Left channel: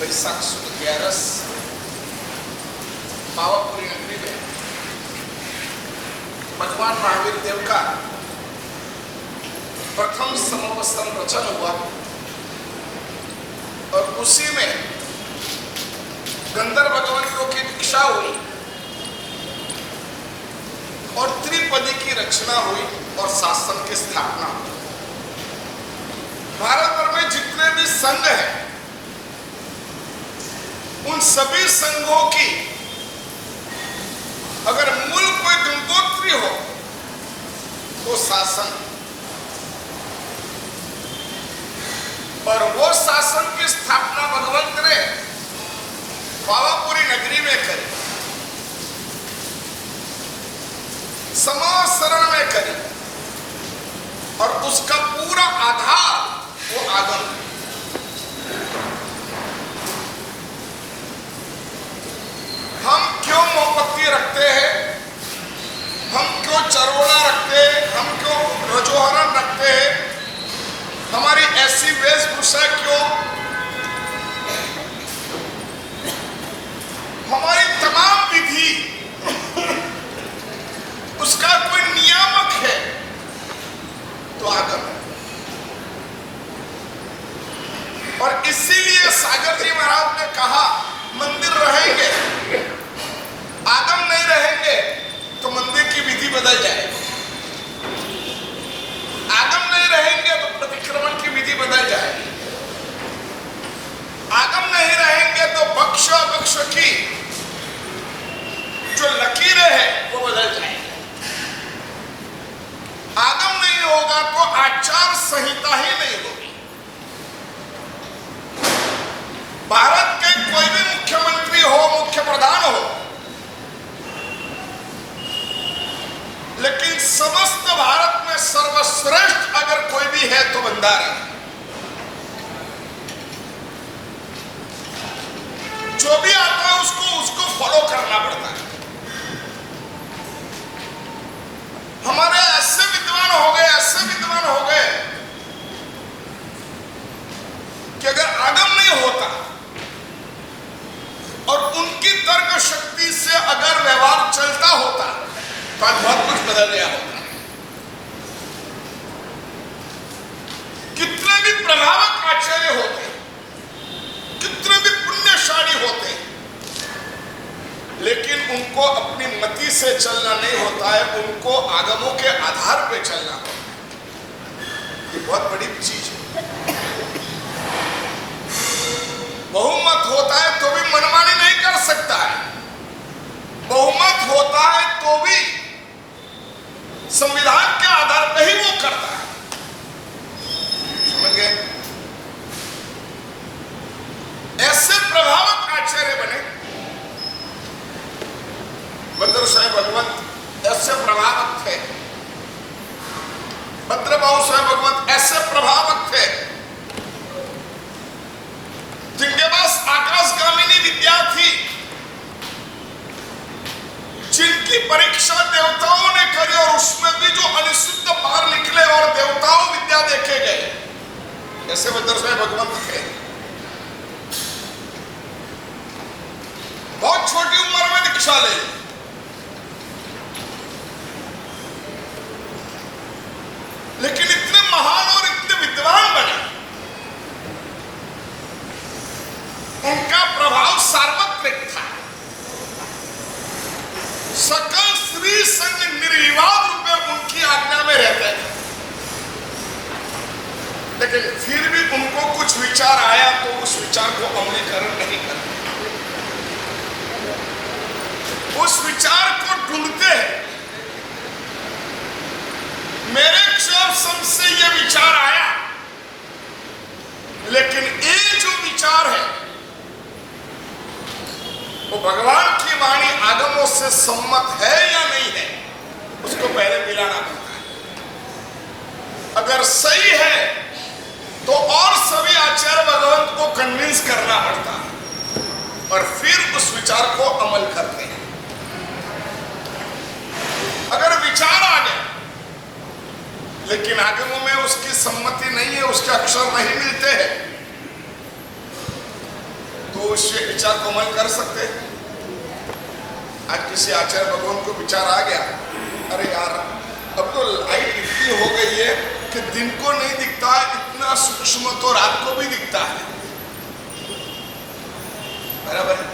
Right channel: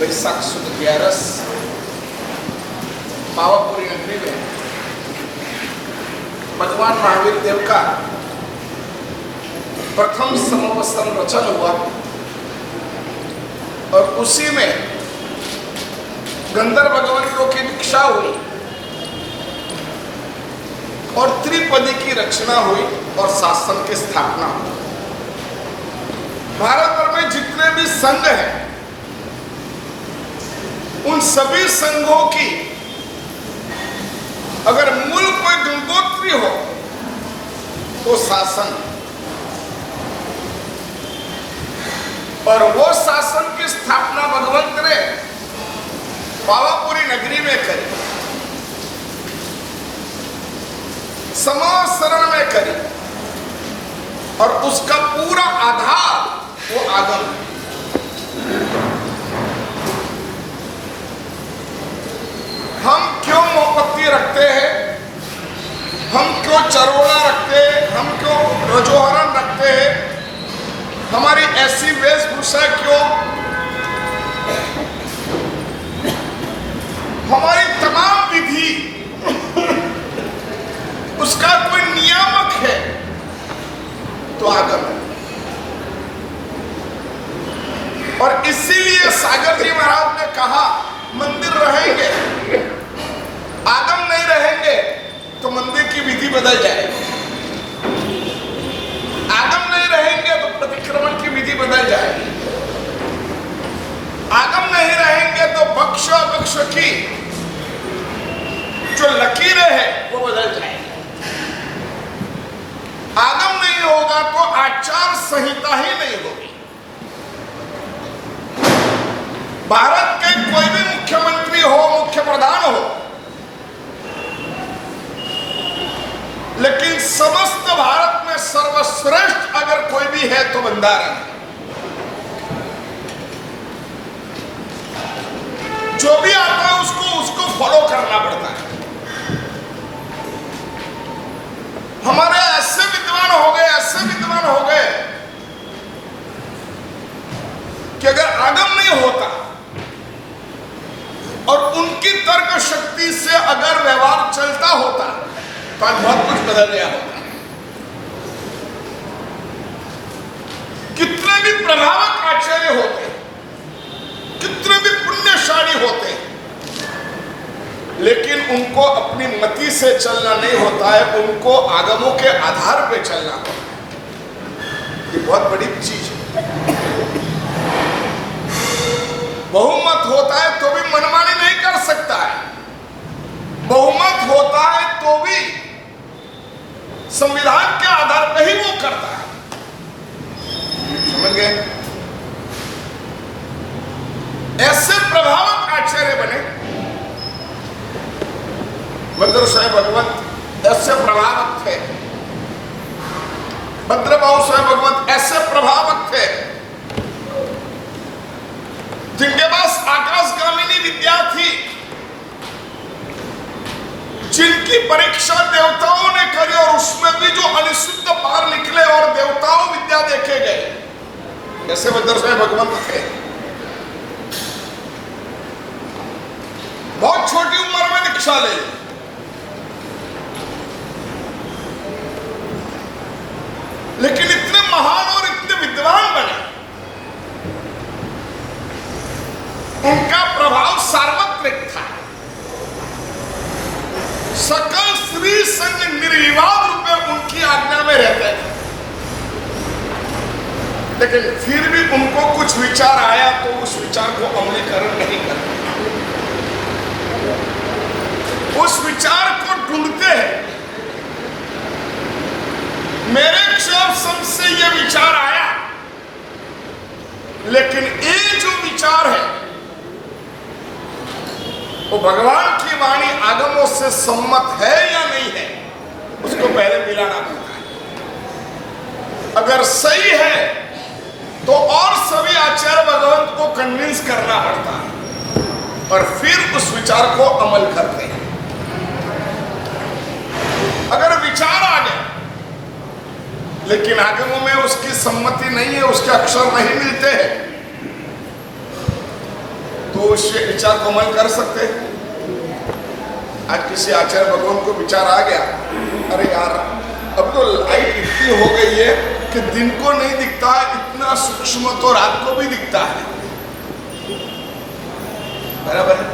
वैशाख सुद 11 पावापुरी नगरी में भगवान महावीर देव का प्रथम समवस्त्र रचन हुआ और उसी में गंधर्व भगवंतों की दीक्षा हुई और त्रिपदी की रचना हुई और शासन की स्थापना हुई। भारत भर में जितने भी संघ हैं उन सभी संघों की अगर मूल कोई गंगोत्री हो तो शासन, और वो शासन की स्थापना भगवंत ने पावापुरी नगरी में करी, समासरण में करी और उसका पूरा आधार वो आगम है। हम क्यों मोमबत्ती रखते हैं, हम क्यों चरोड़ा रखते हैं, हम क्यों रजोहरण रखते हैं, हमारी ऐसी वेशभूषा क्यों, हमारी तमाम विधि उसका कोई नियामक है तो आगम है। और इसीलिए सागर जी महाराज ने कहा मंदिर रहेंगे, आगम नहीं रहेंगे तो मंदिर की विधि बदल जाएगी, आगम नहीं रहेंगे तो प्रतिक्रमण की विधि बदल जाएगी, आगम नहीं रहेंगे तो बख्श बख्श की जो लकीरें हैं वो बदल जाएगी, आगम नहीं होगा तो आचार संहिता ही नहीं होगी। भारत के कोई भी मुख्यमंत्री हो, मुख्य प्रधान हो, लेकिन समस्त भारत में सर्वश्रेष्ठ अगर कोई भी है तो बंधारण है। जो भी आता है उसको फॉलो करना पड़ता है। हमारे ऐसे विद्वान हो गए कि अगर आगम नहीं होता और उनकी तर्क शक्ति से अगर व्यवहार चलता होता तो आज बहुत कुछ बदल गया होता। कितने भी प्रभावक आचार्य होते, कितने भी पुण्यशाली होते, लेकिन उनको अपनी मति से चलना नहीं होता है, उनको आगमों के आधार पे चलना होता है। ये बहुत बड़ी चीज है। बहुमत होता है तो भी मनमानी नहीं कर सकता है, बहुमत होता है तो भी संविधान के आधार पर ही वो करता है। समझ गए? ऐसे प्रभावक आचार्य बने भद्र साहेब भगवंत, ऐसे प्रभावक थे। भद्रबाहु साहेब भगवंत ऐसे प्रभावक थे जिनके पास आकाशगामिनी विद्या थी, जिनकी परीक्षा देवताओं ने करी और उसमें भी जो अनिश्चित पार निकले और देवताओं विद्या देखे गए, ऐसे भद्र साहेब भगवंत थे। बहुत छोटी उम्र में दीक्षा ले, लेकिन इतने महान और इतने विद्वान बने। उनका प्रभाव सार्वत्रिक था। सकल स्त्री संग निर्विवाद रूप में उनकी आज्ञा में रहते थे, लेकिन फिर भी उनको कुछ विचार आया तो उस विचार को अमलीकरण नहीं करते, उस विचार को ढूंढते हैं। मेरे क्षोभ से ये विचार आया, लेकिन ये जो विचार है वो भगवान की वाणी आगमों से सम्मत है या नहीं है, उसको पहले मिलाना पड़ता है। अगर सही है तो और सभी आचार्य भगवंत को कन्विंस करना पड़ता है और फिर उस विचार को अमल करते हैं। अगर विचार आ गया लेकिन आगमों में उसकी सम्मति नहीं है, उसके अक्षर नहीं मिलते हैं, तो तो उस विचार को अमल कर सकते हैं। आज किसी आचार्य भगवान को विचार आ गया, अरे यार अब तो लाइट इतनी हो गई है कि दिन को नहीं दिखता, इतना सूक्ष्म तो रात को भी दिखता है, बराबर है।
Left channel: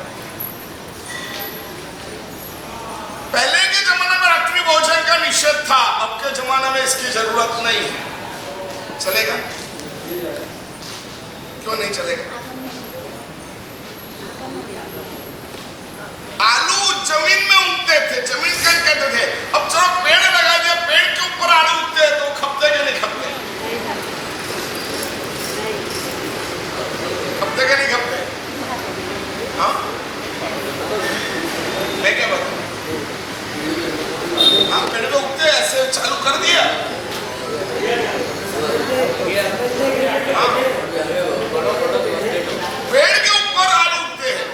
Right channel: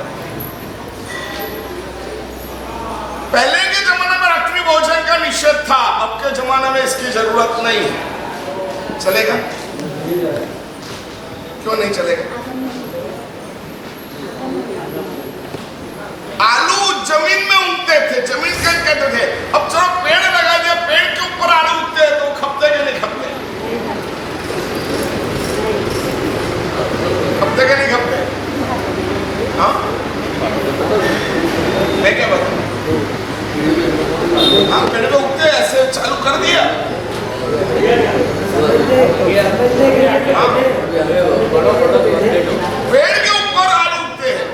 पहले के जमाने में रात्रि भोजन का निषेध था, अब के जमाने में इसकी जरूरत नहीं है। चलेगा? क्यों नहीं चलेगा? आलू जमीन में उगते थे, जमीन का कहते थे, अब चलो पेड़ लगा दिया, पेड़ के ऊपर आलू उगते हैं तो खपते के नहीं खपते? खपते के नहीं खपते? हाँ, मैं क्या बताऊं? हाँ, पेड़ पे उगते ऐसे चालू कर दिया। हाँ, पेड़ के ऊपर आलू उगते हैं,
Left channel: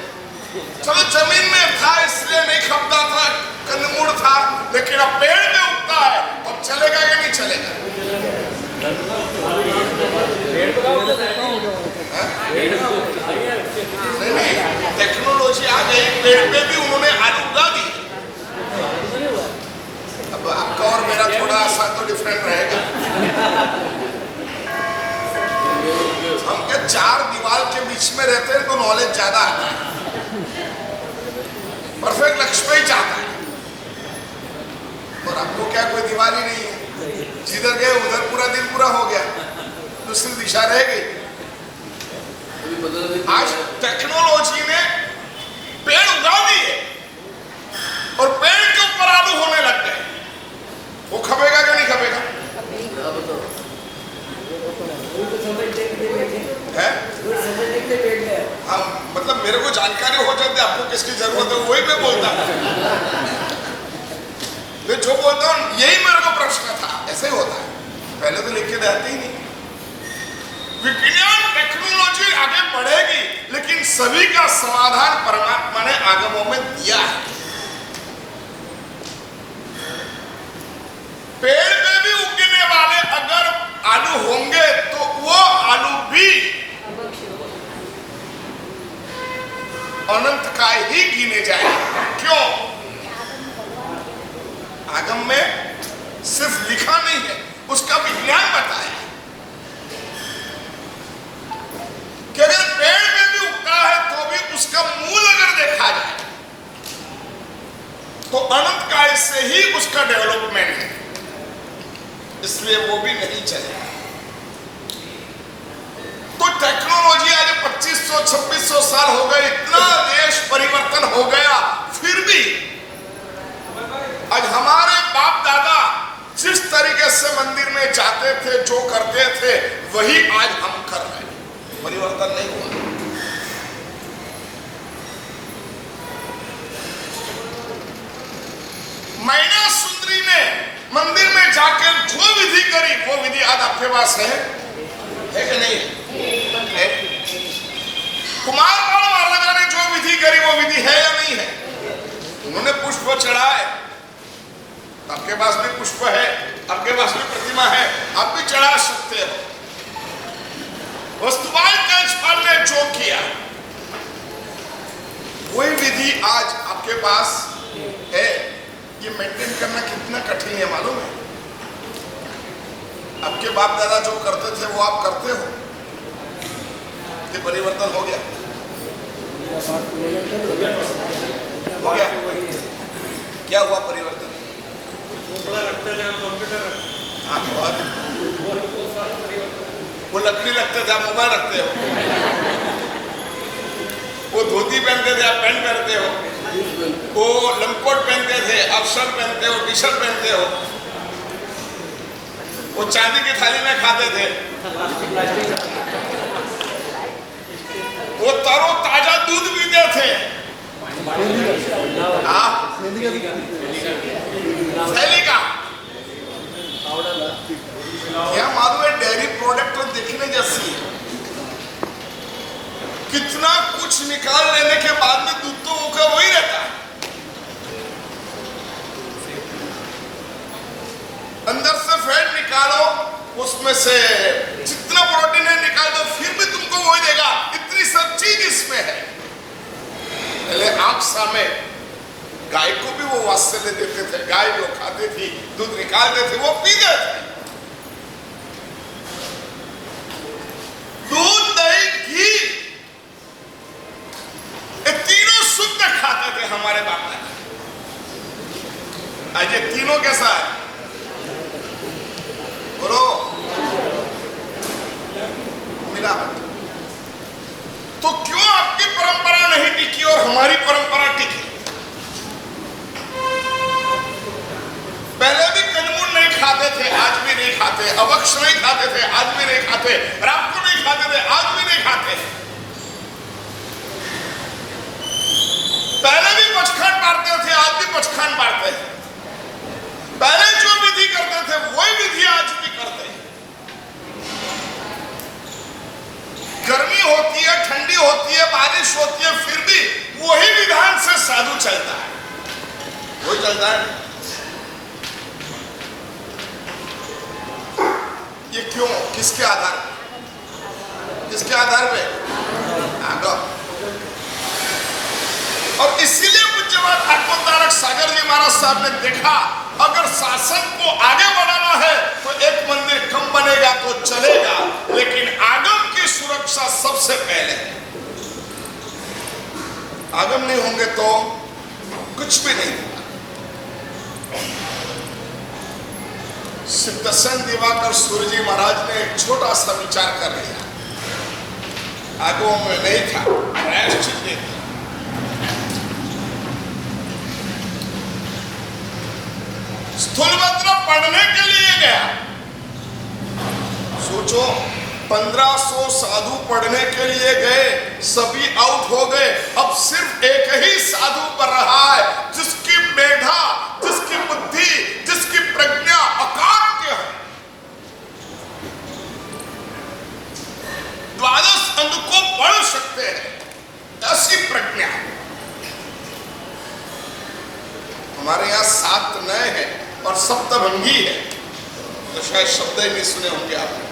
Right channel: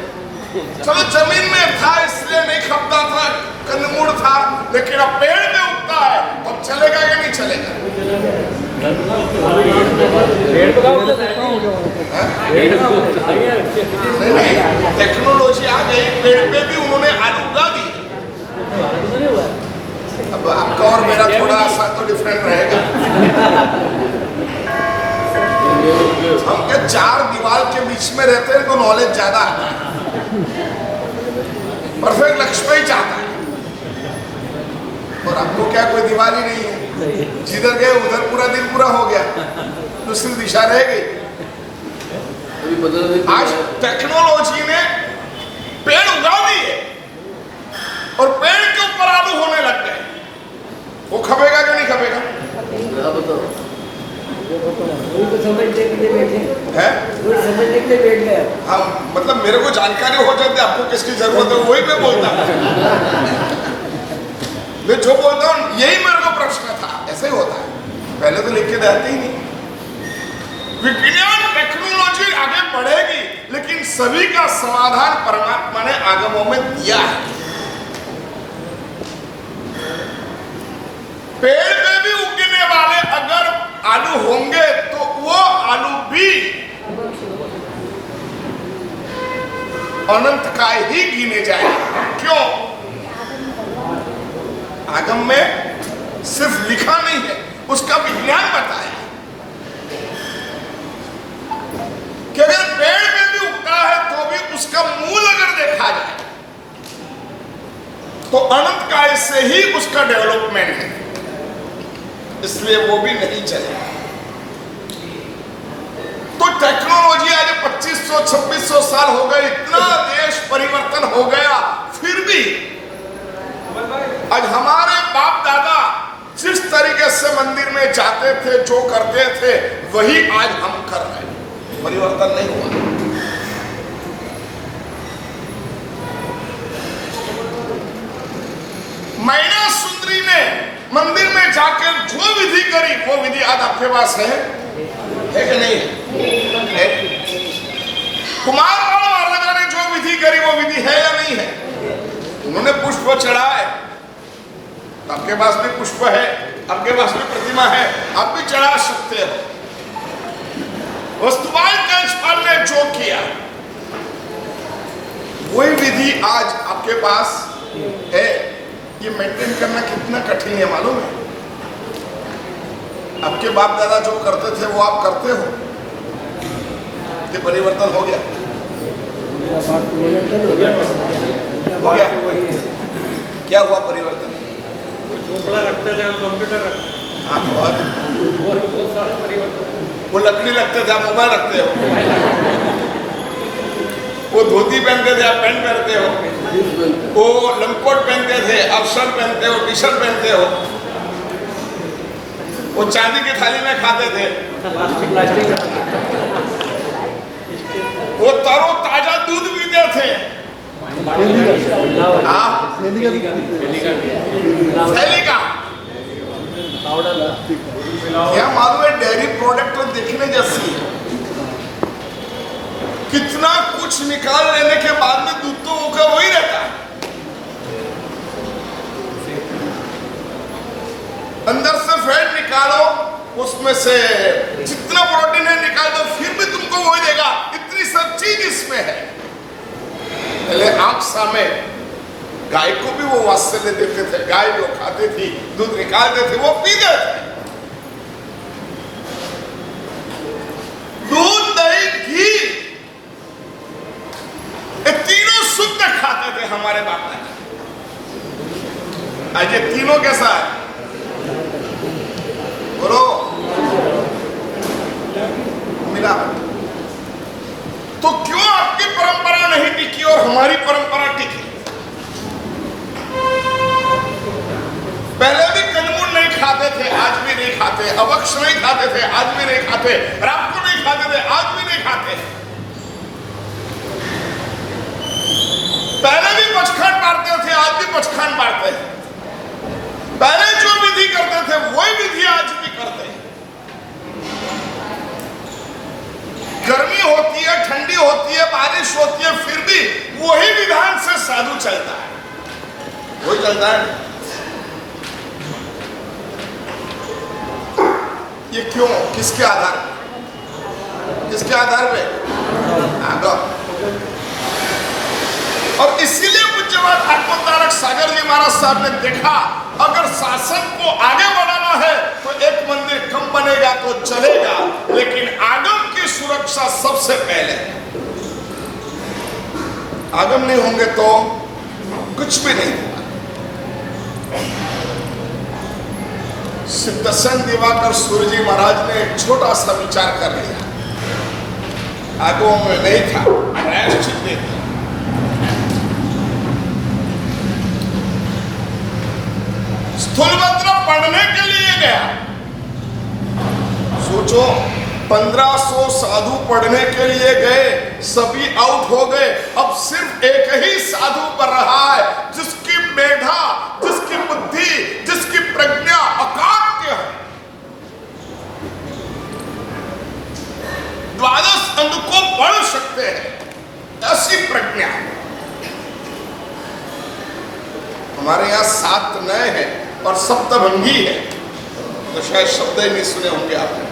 चलो जमीन में था इसलिए नहीं खपता था, कंदमूल था, लेकिन अब पेड़ में उगता है, अब चलेगा या नहीं चलेगा? नहीं, टेक्नोलॉजी आ गई, पेड़ पे भी उन्होंने आलू उगा दी। अब आपका और मेरा थोड़ा सा तो डिफरेंट रहेगा। हम क्या चार दीवार के बीच में रहते हैं तो नॉलेज ज्यादा आता है, परफेक्ट लक्ष्य ही चाहता है। और आपको क्या कोई दीवार ही नहीं है, जिधर गए उधर पूरा दिन पूरा हो गया, दूसरी दिशा रह गई। आज टेक्नोलॉजी ने पेड़ उगा दिए और पेड़ के ऊपर आलू होने लग गए, वो खपेगा कि नहीं खपेगा? है? हाँ, मतलब मेरे को जानकारी हो जाती है, आपको किसकी जरूरत है वही मैं बोलता हूँ। मैं जो बोलता हूँ यही मेरे को प्रश्न था, ऐसे ही होता है, पहले तो लिख के देते ही नहीं। विज्ञान टेक्नोलॉजी आगे बढ़ेगी, लेकिन सभी का समाधान परमात्मा ने आगमों में दिया है। पेड़ पे भी उगने वाले अगर आलू होंगे तो वो आलू भी अनंत का ही गिने जाएगा। क्यों? आगम में सिर्फ लिखा नहीं है, उसका विज्ञान बताया कि अगर पेड़ में भी उगता है तो भी उसका मूल अगर देखा जाए तो अनंत काल से ही उसका डेवलपमेंट है, इसलिए वो भी नहीं चलेगा। तो टेक्नोलॉजी आज 2500-2600 साल हो गए, इतना देश परिवर्तन हो गया, फिर भी आज हमारे बाप दादा जिस तरीके से मंदिर में जाते थे, जो करते थे, वही आज हम कर रहे हैं, परिवर्तन नहीं हुआ। मैना सुंदरी ने मंदिर में जाकर जो विधि करी, वो विधि आज आपके पास है कि नहीं है? कुमार महाराजा ने जो विधि करी वो विधि है या नहीं है? उन्होंने पुष्प चढ़ाए, आपके पास भी पुष्प है, आपके पास भी प्रतिमा है, आप भी चढ़ा सकते हो। वस्तुपाल कंसपाल ने जो किया वही विधि आज आपके पास है। ये मेंटेन करना कितना कठिन है मालूम है? आपके बाप दादा जो करते थे वो आप करते हो, ये परिवर्तन हो गया? हो गया? क्या हुआ परिवर्तन? रखते थे कंप्यूटर, हाँ, वो लकड़ी रखते थे, आप मोबाइल रखते हो। वो धोती पहनते थे, आप पैंट पहनते हो। वो लंगकोट पहनते थे, आप शर्ट पहनते हो, टी शर्ट पहनते हो। वो चांदी की थाली में खाते थे। वो तरो ताजा दूध पीते थे। थैली का क्या मालूम है? डेयरी प्रोडक्ट तो देखने जैसी है, कितना कुछ निकाल लेने के बाद में दूध तो वो वही रहता है। अंदर से फैट निकालो, उसमें से जितना प्रोटीन है निकाल दो, फिर भी तुमको वही देगा। इतनी सब चीज इसमें है। मांसा में गाय को भी वो वात्सल्य देते थे। गाय जो खाती थी, दूध निकालते थे, वो पीते थे। दूध, दही, घी, ये तीनों शुद्ध खाते थे हमारे बाप दादा। आज ये तीनों कैसा है? बोलो, मिलावट। तो क्यों आपकी परंपरा नहीं टिकी और हमारी परंपरा टिकी? पहले भी कंजमूल नहीं खाते थे, आज भी नहीं खाते। अवक्ष नहीं खाते थे, आज भी नहीं खाते। रात को नहीं खाते थे, आज भी नहीं खाते। पहले भी पचखान बांटते थे, आज भी पचखान बांटते हैं। पहले जो विधि करते थे वही विधि आज भी करते हैं। गर्मी होती है, ठंडी होती है, बारिश होती है, फिर भी वही विधान से साधु चलता है। वही चलता है। ये क्यों? किसके आधार पे? किसके आधार पे? आगम। और इसीलिए पूज्यपाद आत्मोद्धारक सागर जी महाराज साहब ने देखा, अगर शासन को आगे बढ़ाना है तो एक मंदिर कम बनेगा तो चलेगा, लेकिन आगम की सुरक्षा सबसे पहले है। आगम नहीं होंगे तो कुछ भी नहीं होगा। सिद्धसेन दिवाकर सूर्य जी महाराज ने एक छोटा सा विचार कर लिया। आगमों में नहीं था, प्रायश्चित दे दिया। स्थूलभद्र पढ़ने के लिए गया। सोचो, 1500 साधु पढ़ने के लिए गए, सभी आउट हो गए। अब सिर्फ एक ही साधु पर रहा है, जिसकी मेधा, जिसकी बुद्धि, जिसकी प्रज्ञा अकाट्य है। 12 अंग को पढ़ सकते हैं, ऐसी प्रज्ञा। हमारे यहाँ 7 नए हैं और सप्तभंगी है, तो शायद शब्द ही नहीं सुने होंगे आपने।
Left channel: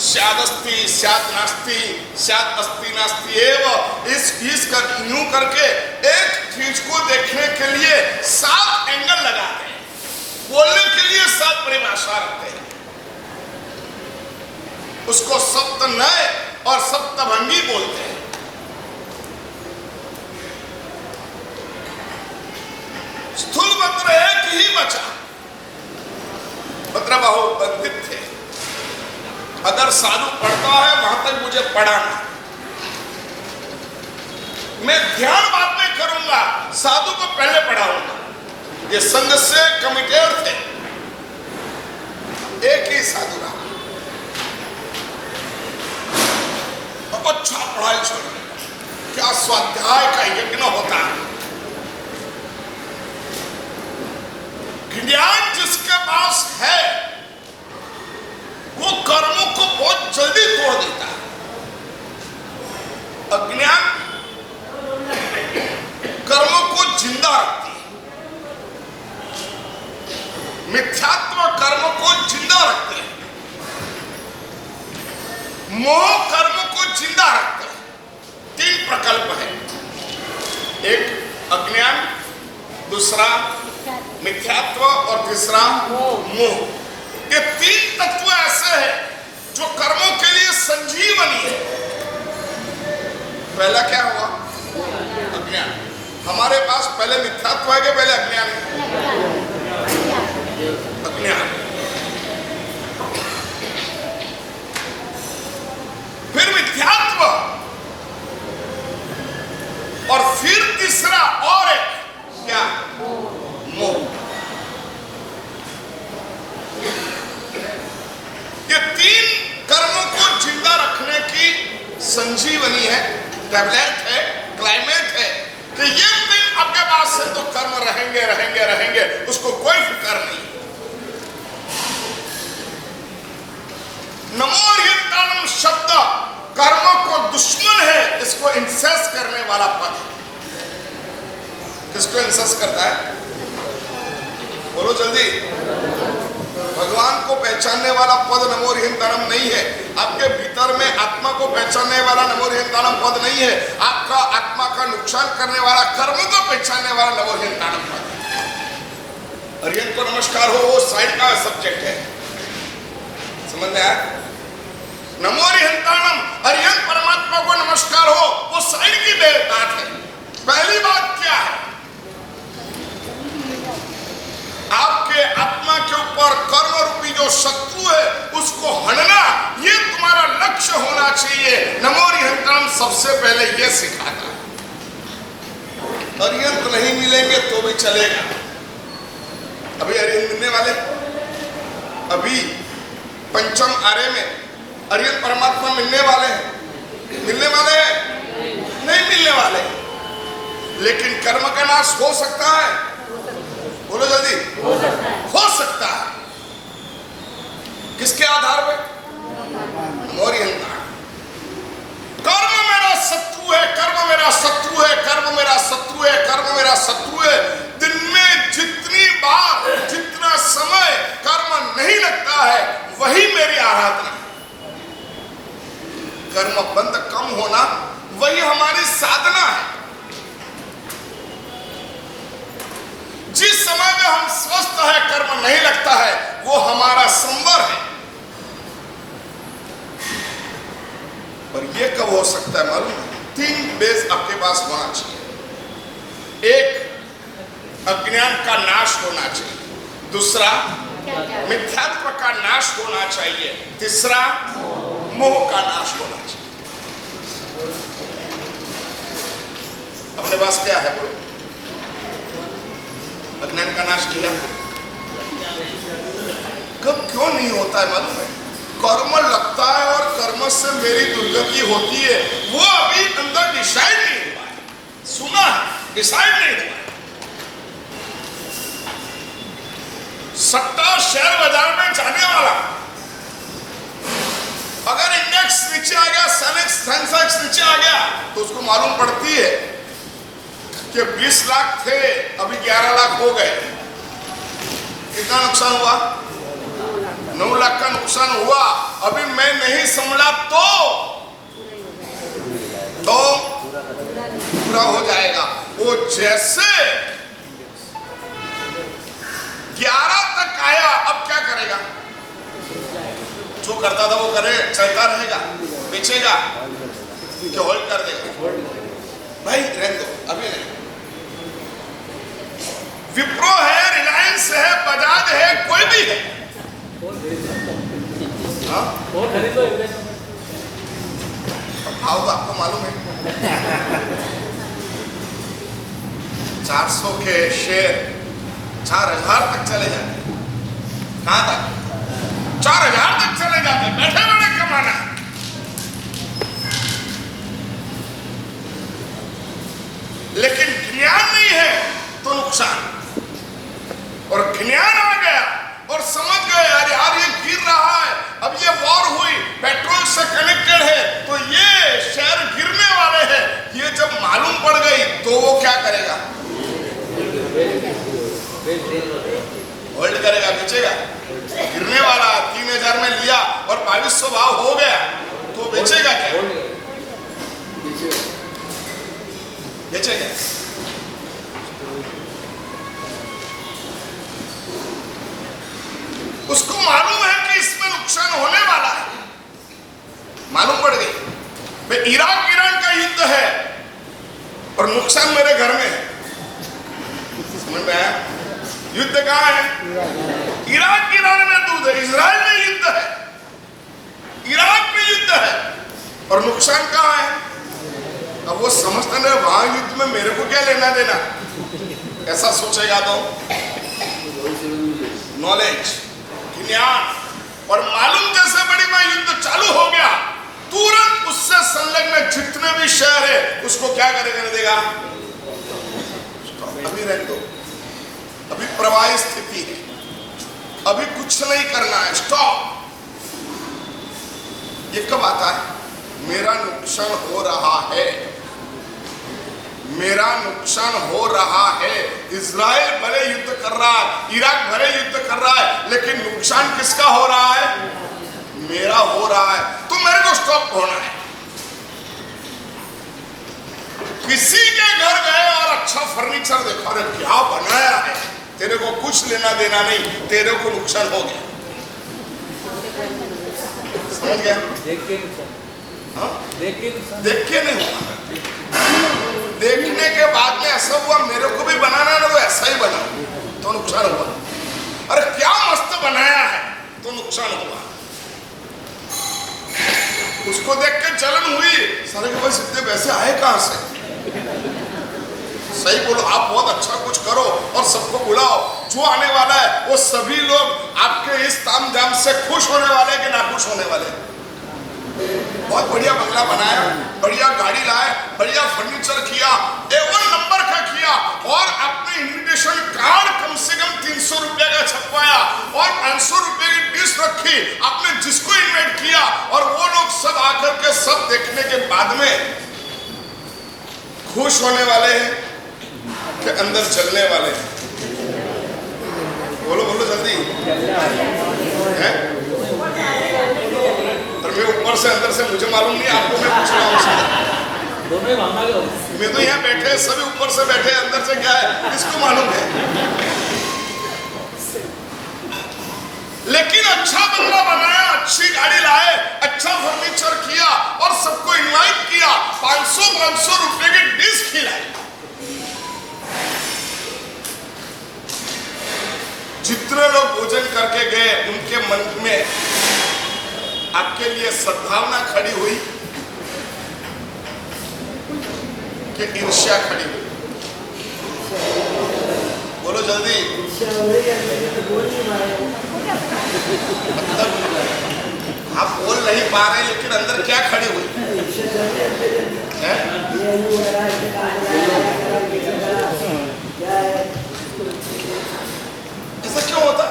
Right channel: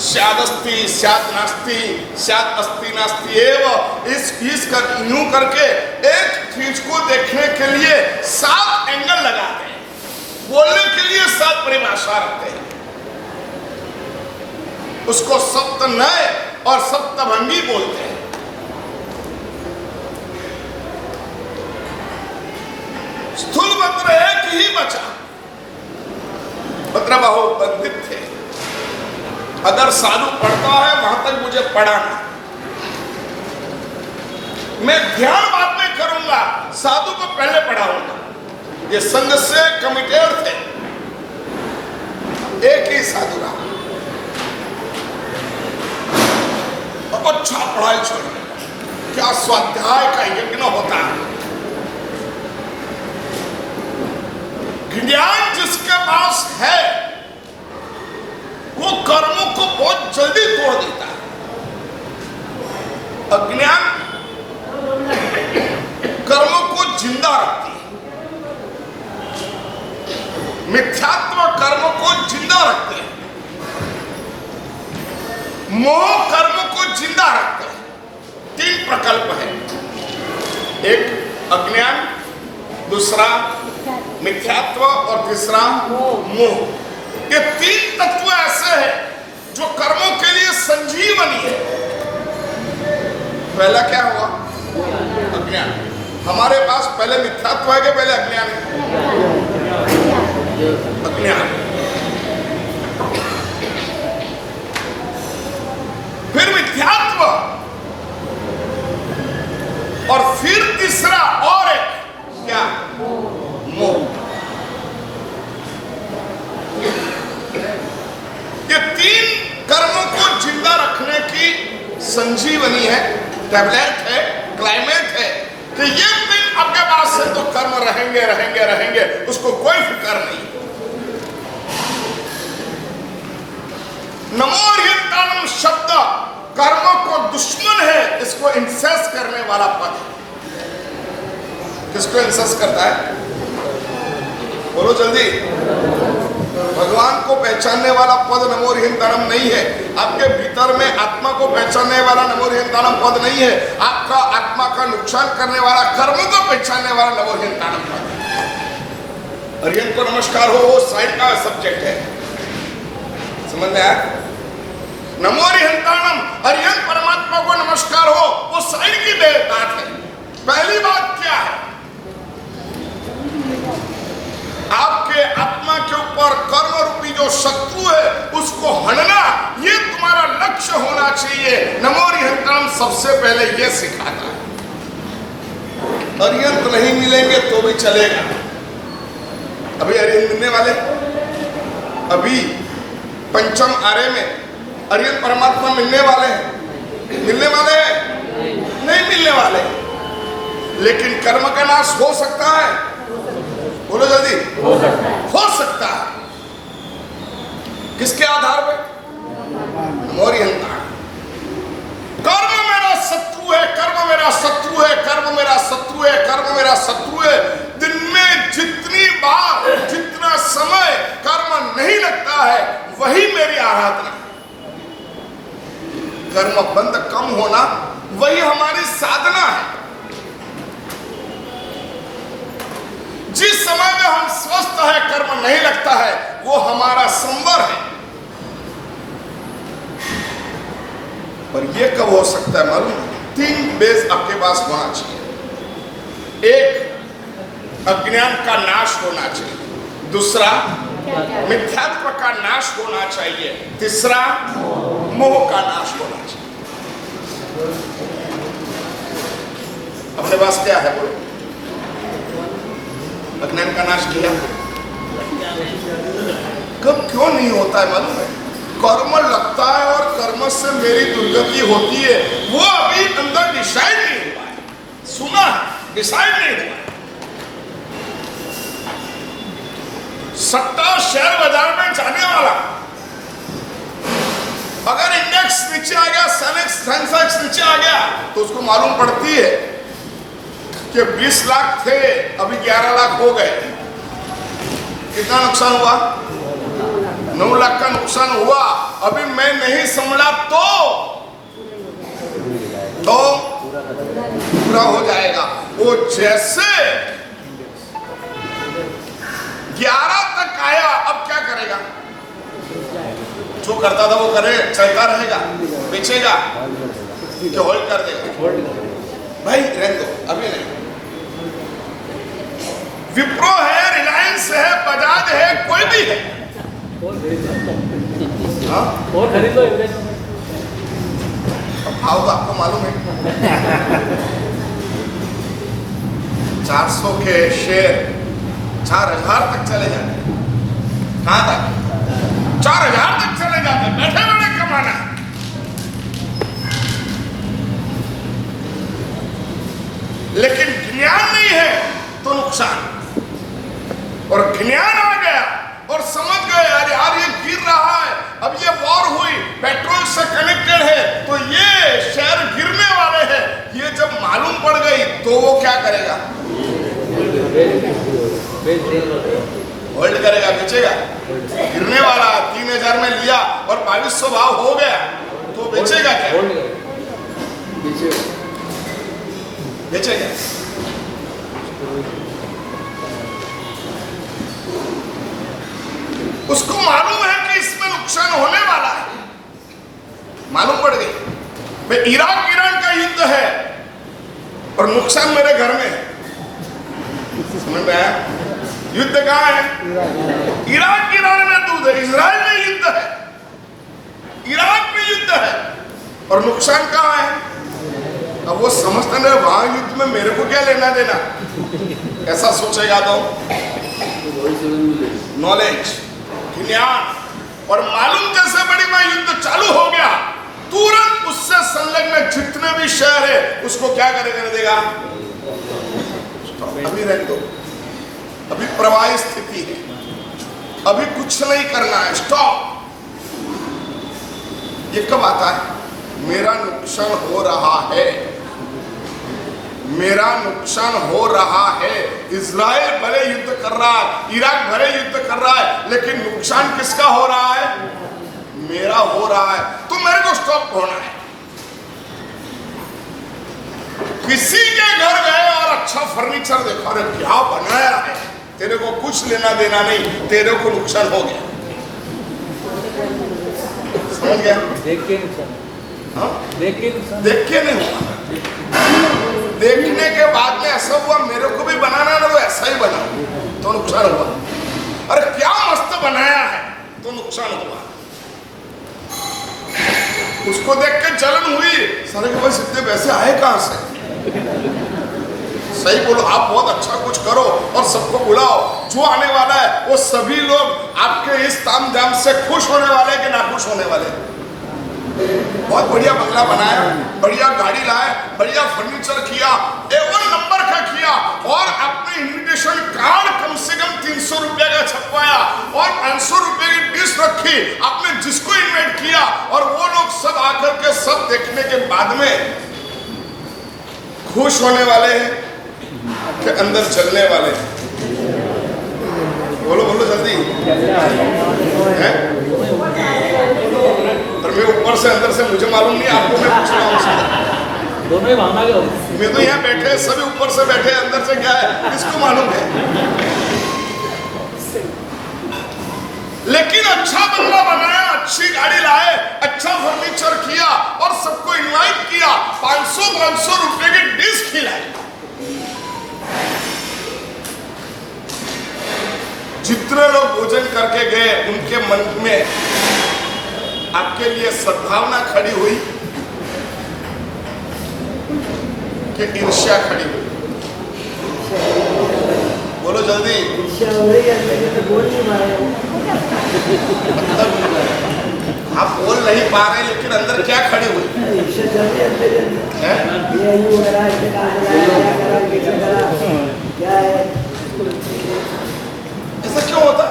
स्यादस्ति, स्यात् नास्ति, स्यात् अस्ति नास्ति एव। इस कर यूं करके एक चीज को देखने के लिए 7 एंगल लगाते हैं, बोलने के लिए 7 परिभाषा रखते हैं। उसको सप्त नए और सप्तभंगी बोलते हैं। स्थूलभद्र एक ही बचा। भद्रबाहु बंधित थे। अगर साधु पढ़ता है वहां तक मुझे पढ़ाना, मैं ध्यान बाद में करूंगा, साधु को पहले पढ़ाऊंगा। ये संघ से कमिटेड थे, एक ही साधु रहा। अच्छा पढ़ाई छोड़ने, क्या स्वाध्याय का यज्ञ होता है। ज्ञान जिसके पास है वो कर्मों को बहुत जल्दी तोड़ देता है। अज्ञान कर्मों को जिंदा रखती है। मिथ्यात्व कर्मों को जिंदा रखते हैं। मोह कर्मों को जिंदा रखते हैं। 3 प्रकल्प है, एक अज्ञान, दूसरा मिथ्यात्व और तीसरा मोह। ये 3 तत्व ऐसे हैं जो कर्मों के लिए संजीवनी है। पहला क्या हुआ? अज्ञान। हमारे पास पहले मिथ्यात्व है कि पहले अज्ञान है? अज्ञान। फिर मिथ्यात्व और फिर तीसरा और एक क्या? मोह। ये 3 कर्मों को जिंदा रखने की संजीवनी है, टैबलेट है, क्लाइमेट है कि ये 3 आपके पास है तो कर्म रहेंगे रहेंगे रहेंगे, उसको कोई फिक्र नहीं। नमोर्हितानम शब्द कर्मों को दुश्मन है, इसको इंसेस करने वाला पद। किसको इंसेस करता है? बोलो जल्दी। भगवान को पहचानने वाला पद नमोर्हितानम नहीं है। आपके भीतर में आत्मा को पहचानने वाला नमोरियंतानम पद नहीं है, आपका आत्मा का नुकसान करने वाला कर्म को पहचानने वाला नमोरियंतानम पद है। अरियंत को नमस्कार हो वो साइड का सब्जेक्ट है, समझ में आया? नमोरियंतानम अरियंत परमात्मा को नमस्कार हो वो साइड की बात है। पहली बात क्या है? आपके आत्मा के ऊपर कर्म रूपी जो शत्रु है उसको हटना, ये तुम्हारा लक्ष्य होना चाहिए। नमोरियंतानम सबसे पहले ये सिखाता है। अरियंत नहीं मिलेंगे तो भी चलेगा। अभी अरियंत मिलने वाले, अभी पंचम आर्य में अरियंत परमात्मा मिलने वाले हैं, मिलने वाले हैं? नहीं मिलने वाले, लेकिन कर्म का नाश हो सकता है। बोलो जल्दी, हो सकता है। किसके आधार पे? नमोरियंतानम। कर्म मेरा शत्रु है, कर्म मेरा शत्रु है, कर्म मेरा शत्रु है, कर्म मेरा शत्रु है। दिन में जितनी बार जितना समय कर्म नहीं लगता है वही मेरी आराधना। कर्म बंद कम होना वही हमारी साधना है। जिस समय में हम स्वस्थ है कर्म नहीं लगता है वो हमारा संवर है। पर ये कब हो सकता है मालूम है? 3 बेस आपके पास होना चाहिए। एक, अज्ञान का नाश होना चाहिए। दूसरा, मिथ्यात्व का नाश होना चाहिए। तीसरा, मोह का नाश होना चाहिए। अपने पास क्या है बोलो? अज्ञान का नाश किया। कब क्यों नहीं होता है मालूम है? कर्म लगता है और कर्म से मेरी दुर्गति होती है, वो अभी अंदर डिसाइड नहीं हुआ है। सुना है, डिसाइड नहीं हुआ है। सट्टा शेयर बाजार में जाने वाला, अगर इंडेक्स नीचे आ गया, सेंसेक्स नीचे आ गया, तो उसको मालूम पड़ती है कि 20 लाख थे अभी 11 लाख हो गए। कितना नुकसान हुआ? 9 लाख का नुकसान हुआ। अभी मैं नहीं संभला तो पूरा हो जाएगा। वो जैसे 11 तक आया, अब क्या करेगा? जो करता था वो करे, चलता रहेगा, बेचेगा कि होल्ड कर देगा? भाई रहने दो, अभी नहीं। विप्रो है, रिलायंस है, बजाज है, कोई भी है, और खरीदो। भाव तो आपको मालूम है। 400 के शेयर 4000 तक चले जाते। कहां तक? 4000 तक चले जाते। बैठे बैठे कमाना। लेकिन ज्ञान नहीं है तो नुकसान। और ज्ञान आ गया और समझ गए अरे यार ये गिर रहा है, अब ये वॉर हुई, पेट्रोल से कनेक्टेड है तो ये शेयर गिरने वाले हैं, ये जब मालूम पड़ गई तो वो क्या करेगा? होल्ड करेगा, बेचेगा। गिरने वाला 3000 में लिया और 2200 भाव हो गया तो बेचेगा क्या? बेचेगा। उसको मालूम है कि इसमें नुकसान होने वाला है, मालूम पड़ गई। भाई इराक ईरान का युद्ध है और नुकसान मेरे घर में है। समझ में आया? युद्ध कहाँ है? इराक ईरान में युद्ध है, इजराइल में युद्ध है, इराक में युद्ध है और नुकसान कहाँ है? अब वो समझते हैं वहां युद्ध में मेरे को क्या लेना देना, ऐसा सोचेगा तो नॉलेज, ज्ञान और मालूम जैसे बड़ी में युद्ध चालू हो गया, तुरंत उससे संलग्न जितने भी शहर है उसको क्या करने देगा? अभी रहने दो, अभी प्रवाही स्थिति है, अभी कुछ नहीं करना है, स्टॉप। ये कब आता है? मेरा नुकसान हो रहा है, मेरा नुकसान हो रहा है। इजराइल भले युद्ध कर रहा है, इराक भले युद्ध कर रहा है, लेकिन नुकसान किसका हो रहा है? मेरा हो रहा है तो मेरे को स्टॉप होना है। किसी के घर गए और अच्छा फर्नीचर देखा, अरे क्या बनाया है, तेरे को कुछ लेना देना नहीं, तेरे को नुकसान हो गया। समझ गया? देख के नुकसान, हाँ? देख के नहीं हुआ, देखने के बाद में ऐसा हुआ मेरे को भी बनाना है ना, वो ऐसा ही बना तो नुकसान हुआ। अरे क्या मस्त बनाया है तो नुकसान हुआ। उसको देख के जलन हुई, सारे के पास इतने पैसे आए कहां से? सही बोलो, आप बहुत अच्छा कुछ करो और सबको बुलाओ, जो आने वाला है वो सभी लोग आपके इस तामझाम से खुश होने वाले कि नाखुश होने वाले। बहुत बढ़िया बंगला बनाया, बढ़िया गाड़ी लाए, बढ़िया फर्नीचर किया, A1 नंबर का किया, और आपने इनविटेशन कार्ड कम से कम 300 रुपए का छपवाया और 500 रुपए की डिश रखी, आपने जिसको इन्वाइट किया, और वो लोग सब आकर के सब देखने के बाद में खुश होने वाले हैं कि अंदर चलने वाले हैं? बोलो बोलो जल्दी है? और मैं ऊपर से अंदर से मुझे मालूम नहीं, आपको मैं पूछ रहा हूँ। दोनों ही मांगा गया। मैं तो यहाँ बैठे, सभी ऊपर से बैठे, अंदर से क्या है किसको मालूम है? लेकिन अच्छा बंगला बनाया, अच्छी गाड़ी लाए, अच्छा फर्नीचर किया और सबको इनवाइट किया, 500 रुपए की डिश खिलाई। जितने लोग भोजन करके गए उनके मन में आपके लिए सद्भावना खड़ी हुई कि ईर्ष्या खड़ी हुई? बोलो जल्दी। मतलब आप बोल नहीं पा रहे, लेकिन अंदर क्या खड़ी हुई है? ऐसा क्यों होता?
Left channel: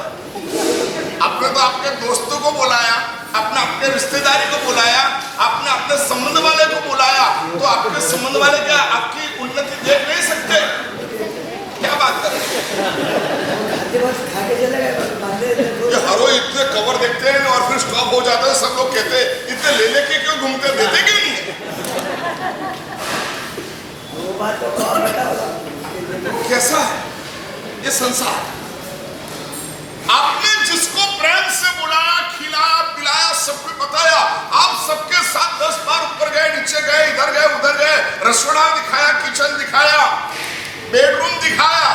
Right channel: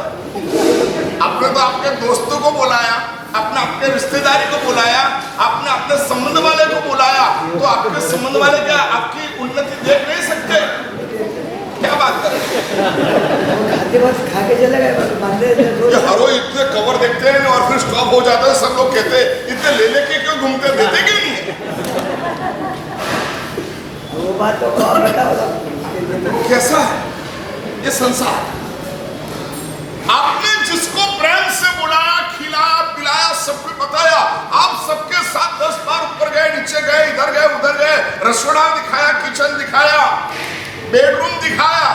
आपने तो आपके दोस्तों को बुलाया, आपने अपने रिश्तेदारी को बुलाया, आपने अपने संबंध वाले को बुलाया, तो आपके संबंध वाले क्या आपकी उन्नति देख नहीं सकते? क्या बात कर रहे हैं? हर रोज इतने कवर देखते हैं और फिर स्टॉप हो जाता है, सब लोग कहते हैं इतने ले लेके क्यों घूमते, देते क्यों नहीं है? वो बात तो कैसा है ये संसार? आपने जिसको प्रेम से बुलाया, खिलाया, पिलाया, सबको बताया, आप सबके साथ 10 बार ऊपर गए, नीचे गए, इधर गए, उधर गए, रसोड़ा दिखाया, किचन दिखाया, बेडरूम दिखाया,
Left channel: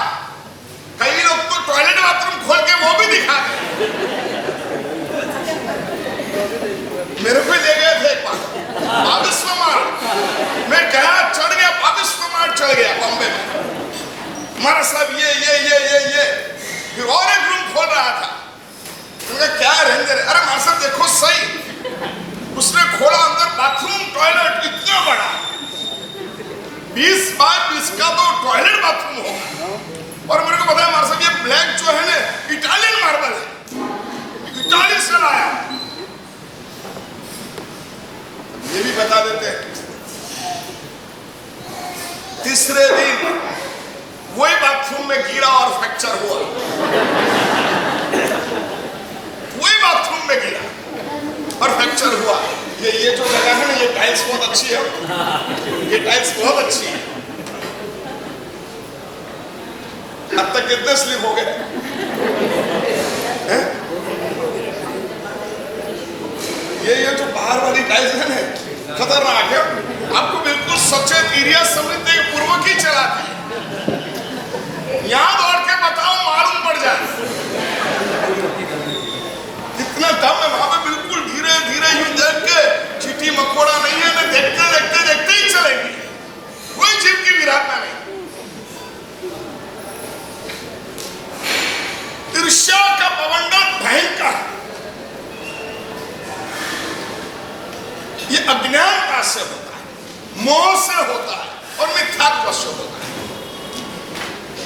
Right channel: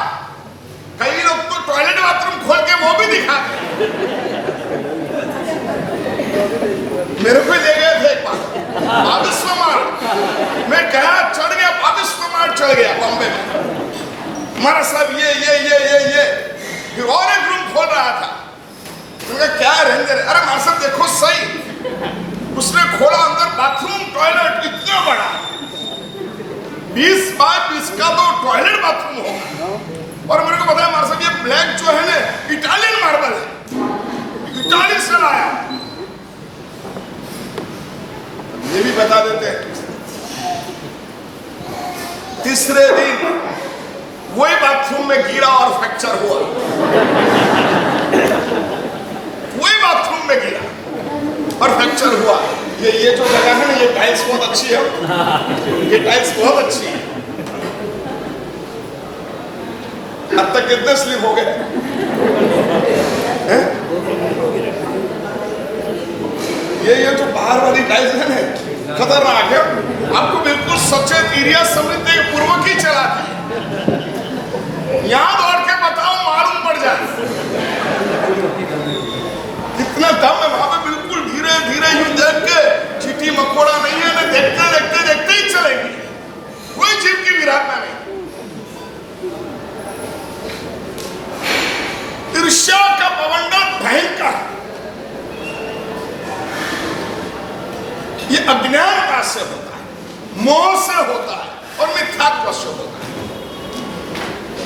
कई लोग तो टॉयलेट बाथरूम खोल के वो भी दिखा गए। मेरे को ले गए थे एक बार 22 मार्च, मैं गया, चढ़ गया, 22 मार्च चढ़ गया बॉम्बे में। हमारा साहब ये फिर और एक रूम खोल रहा था, उनका क्या रेंजर है? अरे मार साहब देखो सही, उसने खोला, अंदर बाथरूम टॉयलेट इतना बड़ा, 20 बाय 20 का तो टॉयलेट बाथरूम होगा। और मेरे को बताया मार साहब ये ब्लैक जो है ना इटालियन मार्बल है, इटाली से लाया। ये भी बता देते हैं, तीसरे दिन वही बाथरूम में गिरा और फ्रैक्चर हुआ, वही बाथरूम में गिरा और फ्रैक्चर हुआ। ये जो जगह है ना, ये टाइल्स बहुत अच्छी है, ये टाइल्स बहुत अच्छी है। अब तक कितने स्लिप हो गए? ये जो बाहर वाली टाइल्स है ना, खतरनाक है, आपको बिल्कुल सचेत एरिया समझते पूर्वक ही चलाती है। यहां दौड़ के बताओ, मालूम पड़ जाए कितना दम है वहां पे। बिल्कुल धीरे धीरे यूं देख के, चीटी मकोड़ा नहीं है ना, देखते देखते देखते ही चलेंगे, कोई जीव की विराटना नहीं। ईर्ष्या का बवंडर भयंकर, ये अज्ञानता से होता है, मोह से होता है और मिथ्यात्व से होता है।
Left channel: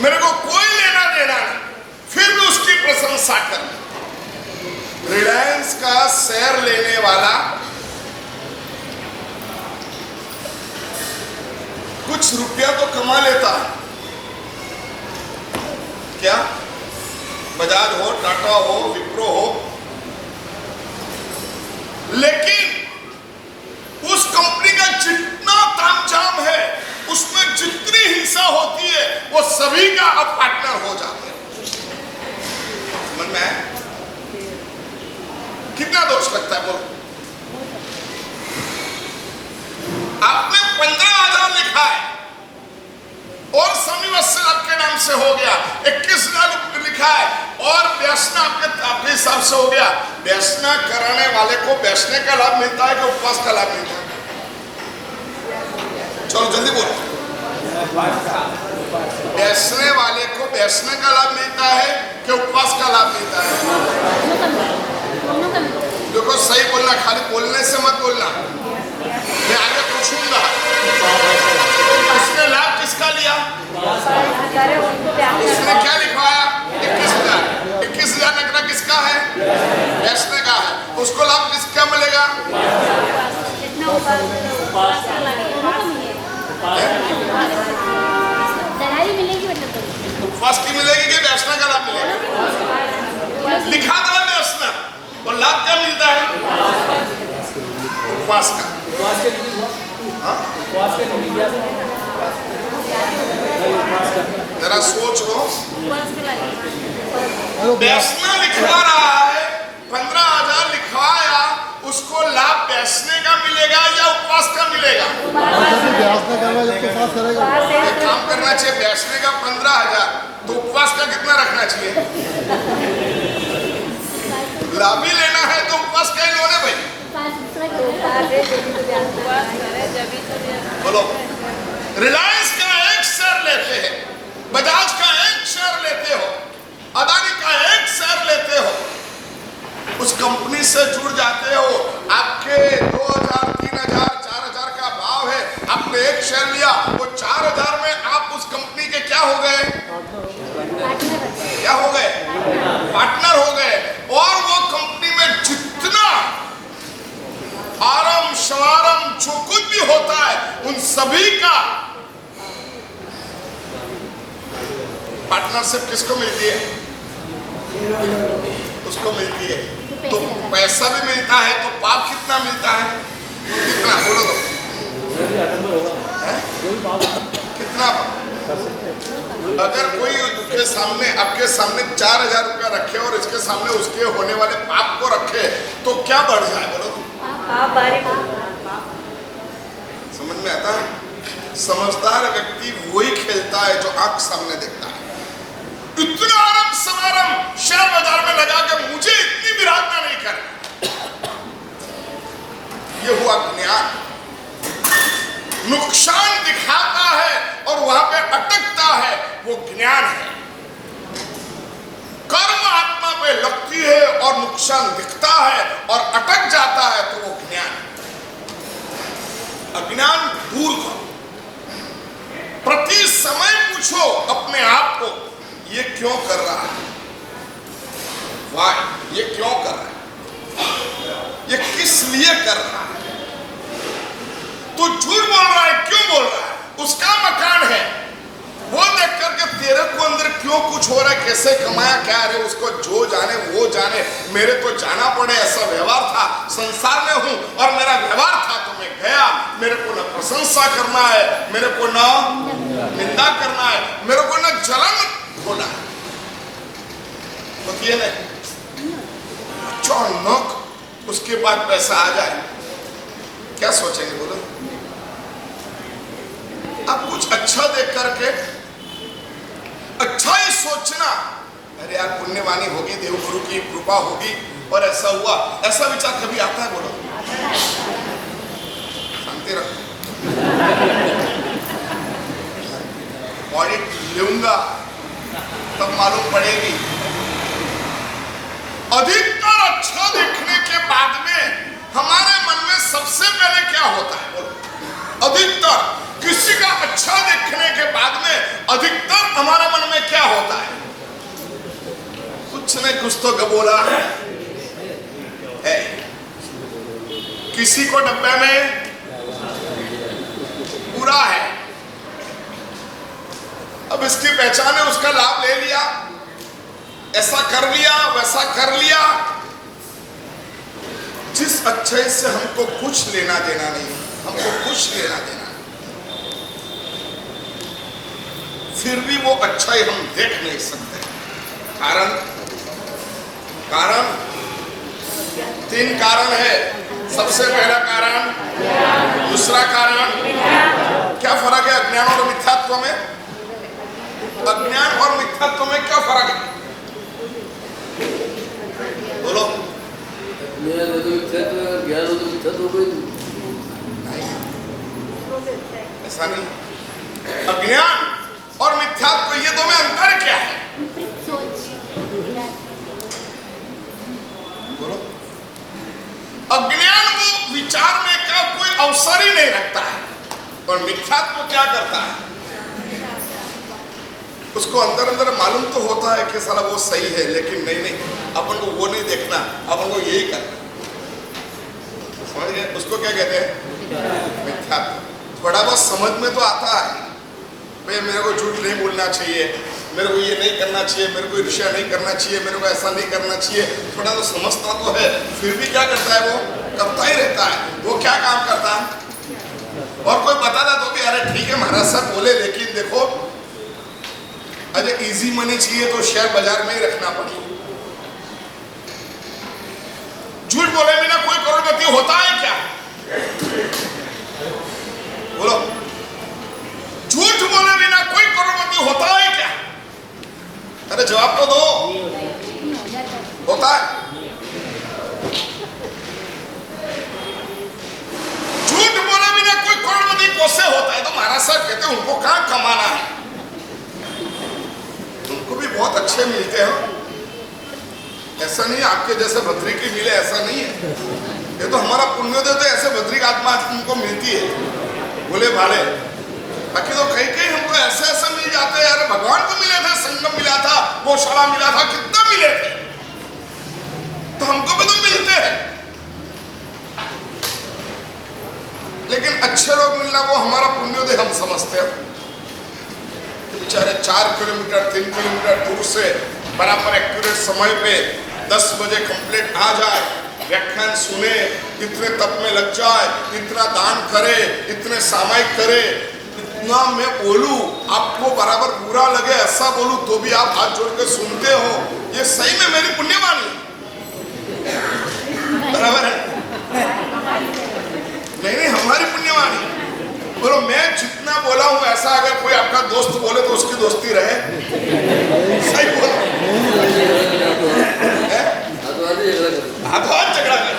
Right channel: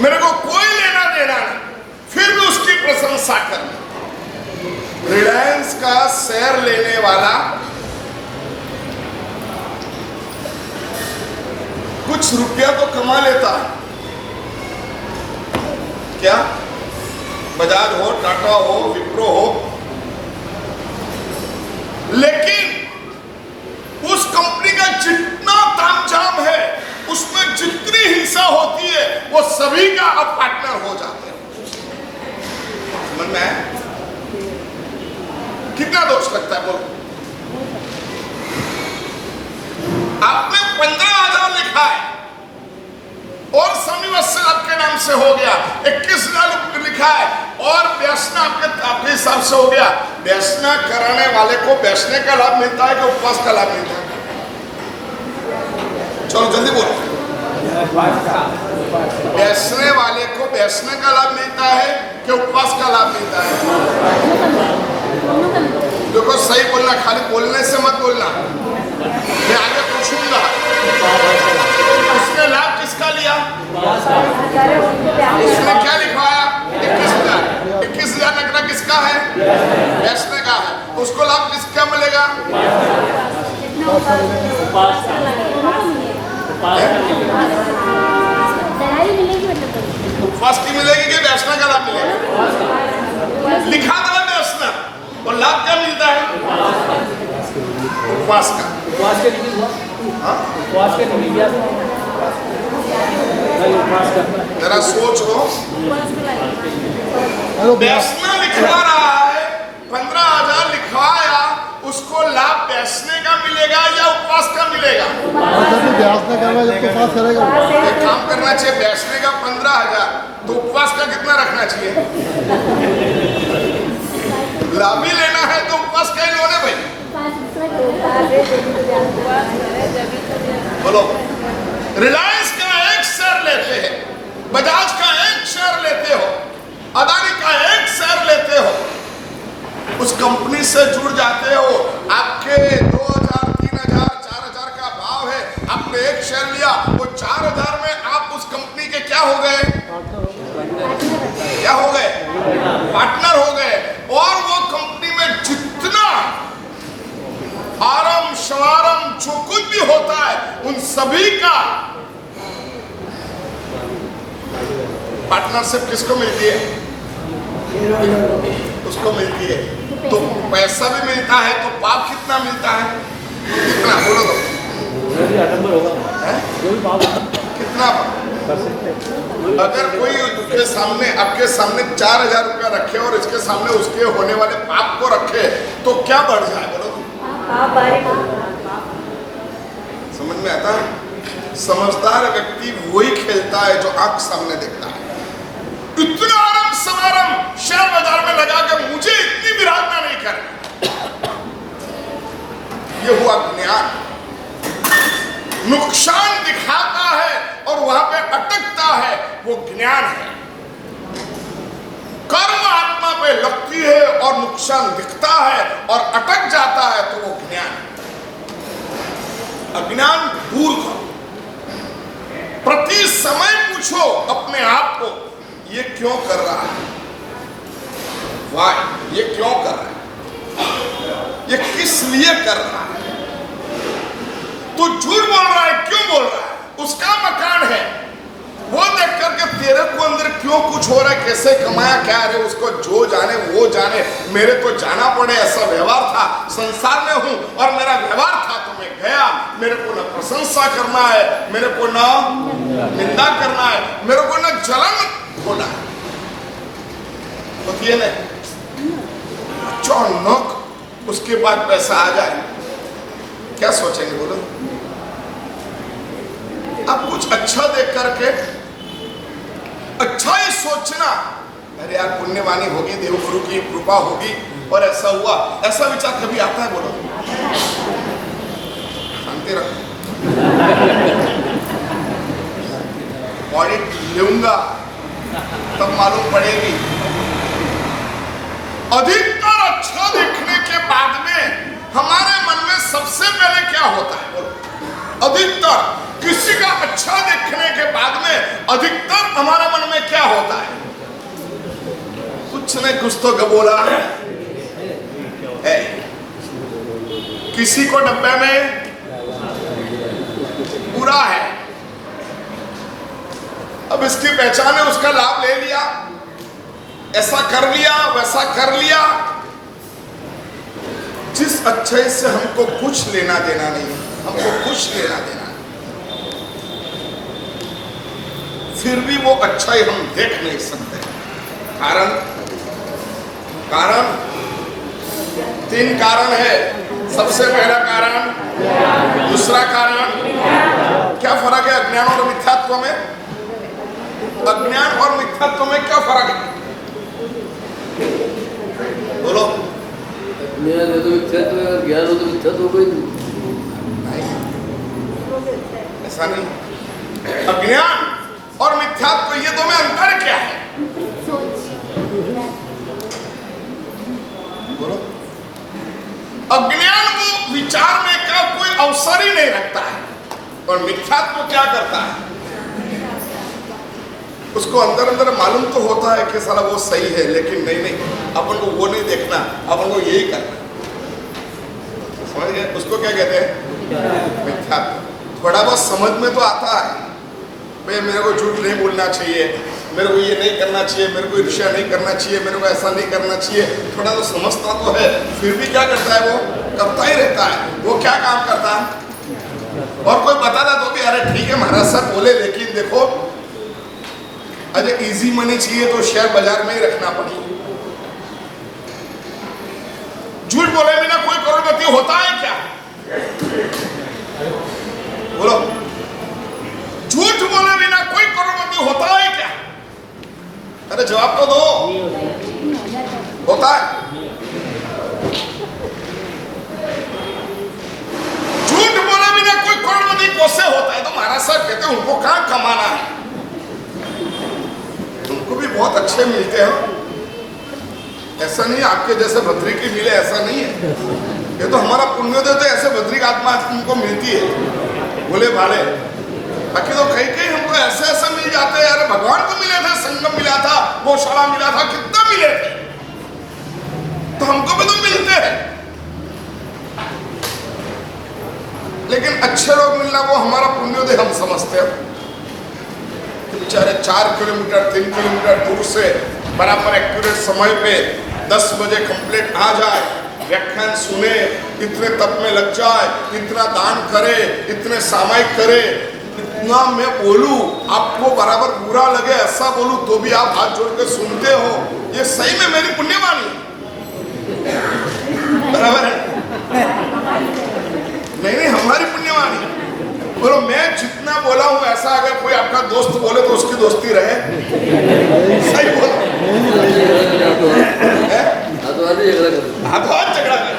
मेरे को कोई लेना देना नहीं, फिर भी उसकी प्रशंसा करना। रिलायंस का शेयर लेने वाला कुछ रुपया तो कमा लेता है क्या? बजाज हो, टाटा हो, विप्रो हो, लेकिन उस कंपनी का जितना तामझाम है, उसमें जितनी हिंसा होती है, वो सभी का अब पार्टनर हो जाते हैं। समझ में आया? कितना दोष लगता है बोलो? आपने 15,000 लिखा है और समीवत्स आपके नाम से हो गया, 21,000 लिखा है और व्यसना आपके हिसाब से हो गया। व्यसना कराने वाले को व्यसने का लाभ मिलता है कि उपवास का लाभ मिलता है? चलो जल्दी बोलो। व्यसने वाले को व्यसने का लाभ मिलता है कि उपवास का लाभ मिलता है? देखो सही बोलना, खाली बोलने से मत बोलना। मैं आगे पूछूंगा उसने लाभ किसका लिया? उसने क्या लिखवाया? 21,000। 21,000 नकरा किसका है? व्यसने का है। उसको लाभ किसका मिलेगा? उपवास की मिलेगी कि व्यसना का लाभ मिलेगा? लिखा था व्यसना और लाभ क्या मिलता है? उपवास का। जरा सोच लो, व्यसना लिखवा रहा है, 15,000 लिखवाया, उसको लाभ व्यसने का मिलेगा या उपवास का मिलेगा? एक काम करना चाहिए, व्यसने का 15,000 तो उपवास का कितना रखना चाहिए? लाभ ही लेना है तो उपवास का ही लो ना भाई। बोलो, रिलायंस का एक शेयर लेते हैं, बजाज का एक शेयर लेते हो, अदानी का एक शेयर लेते हो, उस कंपनी से जुड़ जाते हो, आपके 2,000, 3,000, 4,000 का भाव है, आपने एक शेयर लिया, वो 4,000 में आप उस कंपनी के क्या हो गए? क्या हो गए? पार्टनर हो गए। और वो कंपनी में जितना आरम शवारम जो कुछ भी होता है, उन सभी का पार्टनरशिप किसको मिलती है? उसको मिलती है। तो पैसा भी मिलता है, तो पाप कितना मिलता है? कितना बोलो तो? कितना पाप? अगर कोई उसके सामने, आपके सामने 4,000 रुपया रखे और इसके सामने उसके होने वाले पाप को रखे, तो क्या बढ़ जाए बोलो? समझ में आता है? समझदार व्यक्ति वही खेलता है जो आंख सामने देखता है। इतना आराम समारम शेयर बाजार में लगा के मुझे इतनी विराधना नहीं कर, ये हुआ ज्ञान। नुकसान दिखाता है और वहां पे अटकता है, वो ज्ञान है। कर्म आत्मा पे लगती है और नुकसान दिखता है और अटक जाता है, तो वो ज्ञान है। अज्ञान दूर करो। प्रति समय पूछो अपने आप को, ये क्यों कर रहा है? वाई? ये क्यों कर रहा है? ये किस लिए कर रहा है? तो झूठ बोल रहा है, क्यों बोल रहा है? उसका मकान है, वो देख करके तेरे को अंदर क्यों कुछ हो रहा है, कैसे कमाया क्या रे, उसको जो जाने वो जाने, मेरे तो जाना पड़े, ऐसा व्यवहार था, संसार में हूं और मेरा व्यवहार था तो मैं गया। मेरे को न प्रशंसा करना है, मेरे को न निंदा करना है, मेरे को न जलन होना है। होती है ना? अचानक उसके बाद पैसा आ जाए, क्या सोचेंगे बोलो? अब कुछ अच्छा देख करके अच्छा ही सोचना, अरे यार पुण्यवानी होगी, देवगुरु की कृपा होगी और ऐसा हुआ, ऐसा विचार कभी आता है बोलो? शांति रखो। ऑडिट लूंगा तब मालूम पड़ेगी। अधिकतर अच्छा देखने के बाद में हमारे मन में सबसे पहले क्या होता है बोलो? अधिकतर किसी का अच्छा देखने के बाद में अधिकतर हमारे मन में क्या होता है? कुछ न कुछ तो गबोला है। किसी को डब्बे में पूरा है, अब इसकी पहचान है, उसका लाभ ले लिया, ऐसा कर लिया, वैसा कर लिया, जिस अच्छाई से हमको कुछ लेना देना नहीं, हमको कुछ लेना देना नहीं, फिर भी वो अच्छाई हम देख नहीं सकते। कारण 3 कारण है। सबसे पहला कारण, दूसरा कारण, क्या फर्क है अज्ञान और मिथ्यात्व में? अज्ञान और मिथ्यात्व में क्या फर्क है? बोलो। ज्ञान हो तो मिथ्यात्व, ज्ञान हो तो मिथ्यात्व कोई नहीं, ऐसा नहीं। अज्ञान और मिथ्यात्व ये दो में अंतर क्या है? बोलो। अज्ञान वो विचारने का कोई अवसर ही नहीं रखता है, और मिथ्यात्व क्या करता है? उसको अंदर अंदर मालूम तो होता है कि साला वो सही है, लेकिन नहीं, अपन को वो नहीं देखना, अपन को यही करना। समझ गए? उसको क्या कहते हैं? मिथ्यात्व। थोड़ा बहुत समझ में तो आता है, भाई मेरे को झूठ नहीं बोलना चाहिए, मेरे को ये नहीं करना चाहिए, मेरे को ईर्ष्या नहीं करना चाहिए, मेरे को ऐसा नहीं करना चाहिए, थोड़ा तो समझता तो है, फिर भी क्या करता है? वो करता ही रहता है। वो क्या काम करता है? और कोई बताता तो भी अरे ठीक है महाराज साहब बोले, लेकिन देखो अरे इजी मनी चाहिए तो शेयर बाजार में ही रखना पड़ेगा। झूठ बोले बिना कोई करोड़पति होता है क्या? बोलो। झूठ बोले बिना कोई करोड़पति होता है क्या? अरे जवाब तो दो। होता है? झूठ बोले बिना कोई करोड़पति कैसे होता है? तो महाराज साहब कहते हैं उनको कहां कमाना है, उनको भी बहुत अच्छे मिलते हैं। ऐसा नहीं आपके जैसे भद्रिकी मिले, ऐसा नहीं है। ये तो हमारा पुण्योदय तो ऐसे भद्रिक आत्मा उनको मिलती है, बोले भाले। बाकी तो कहीं हमको ऐसे मिल जाते हैं। अरे भगवान को मिले थे, संगम मिला था, गौशाला मिला था, कितना मिले थे, तो हमको भी तो मिलते हैं। लेकिन अच्छे लोग मिलना वो हमारा पुण्योदय हम समझते हैं। बेचारे 4 किलोमीटर 3 किलोमीटर दूर से बराबर एक्यूरेट समय पे 10 बजे कंप्लीट आ जाए, व्याख्यान सुने, इतने तप में लग जाए, इतना दान करे, इतने सामायिक करे, इतना मैं बोलूं, आपको बराबर बुरा लगे ऐसा बोलूं तो भी आप हाथ जोड़ के सुनते हो, ये सही में मेरी पुण्यवानी बराबर है? नहीं, हमारी पुण्यवानी। बोलो मैं जितना बोला हूं ऐसा अगर कोई आपका दोस्त बोले तो उसकी दोस्ती रहे। सही बोलो। हाथों झगड़ा कर।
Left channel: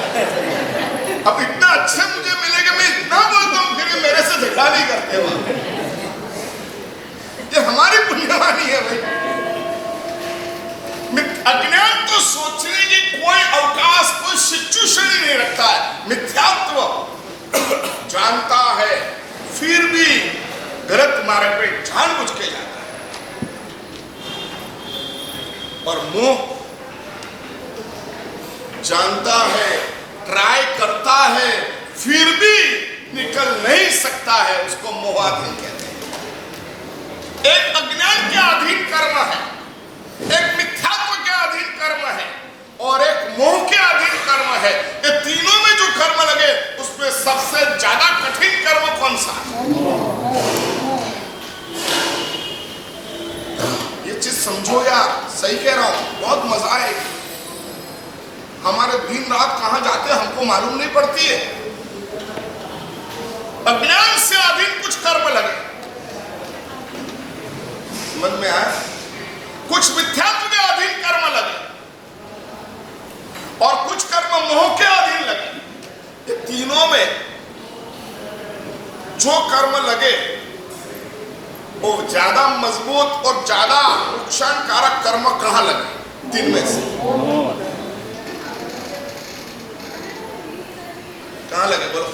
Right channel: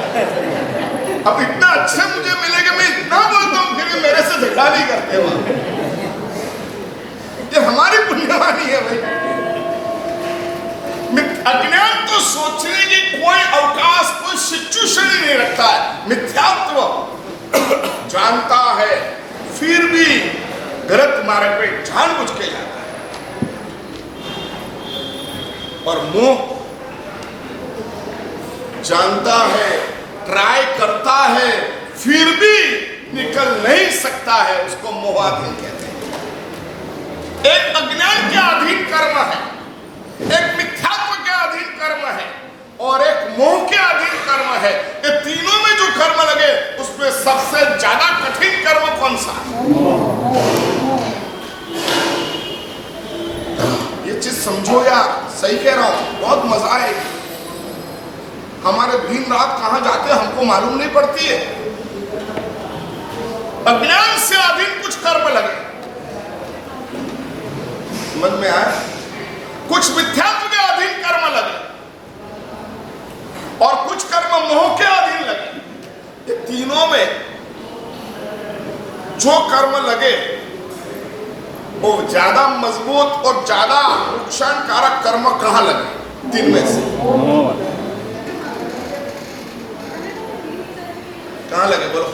अब इतना अच्छे मुझे मिलेगा, मैं इतना बोलता हूं फिर मेरे से झगड़ा नहीं करते हो। ये हमारी पुण्यवानी है भाई। अज्ञान तो सोचने की कोई अवकाश, कोई सिचुएशन ही नहीं रखता है। मिथ्यात्व जानता है फिर भी गलत मार्ग पे जानबूझ के जाता है, और मोह जानता है, ट्राई करता है, फिर भी निकल नहीं सकता है, उसको मोहाधीन कहते हैं। एक अज्ञान के अधीन कर्म है, एक मिथ्यात्व के अधीन कर्म है, और एक मोह के अधीन कर्म है। ये तीनों में जो कर्म लगे उसमें सबसे ज्यादा कठिन कर्म कौन सा है? ये चीज समझो यार, सही कह रहा हूं, बहुत मजा आएगी। हमारे दिन रात कहां जाते हैं हमको मालूम नहीं पड़ती है। अज्ञान से अधीन कुछ कर्म लगे, समझ में आया? कुछ मिथ्यात्व के अधीन कर्म लगे, और कुछ कर्म मोह के अधीन लगे। ये तीनों में जो कर्म लगे वो ज्यादा मजबूत और ज्यादा नुकसान कारक कर्म कहां लगे? 3 में से कहां लगे? बोलो।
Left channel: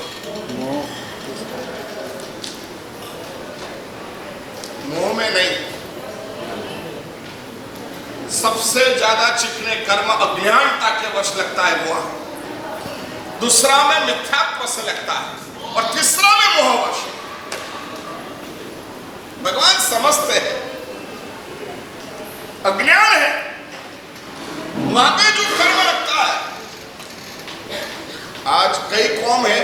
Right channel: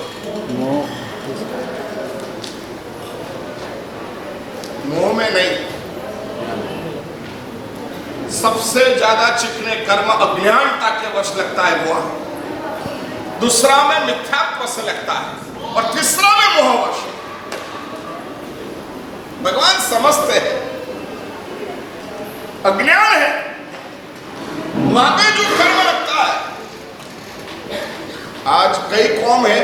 मोह में नहीं। सबसे ज्यादा चिकने कर्म अज्ञानता के वश लगता है वो, दूसरा में मिथ्यात्व से लगता है, और तीसरा में मोहवश। भगवान समझते हैं अज्ञान है, वहां पे जो कर्म लगता है कई कौम है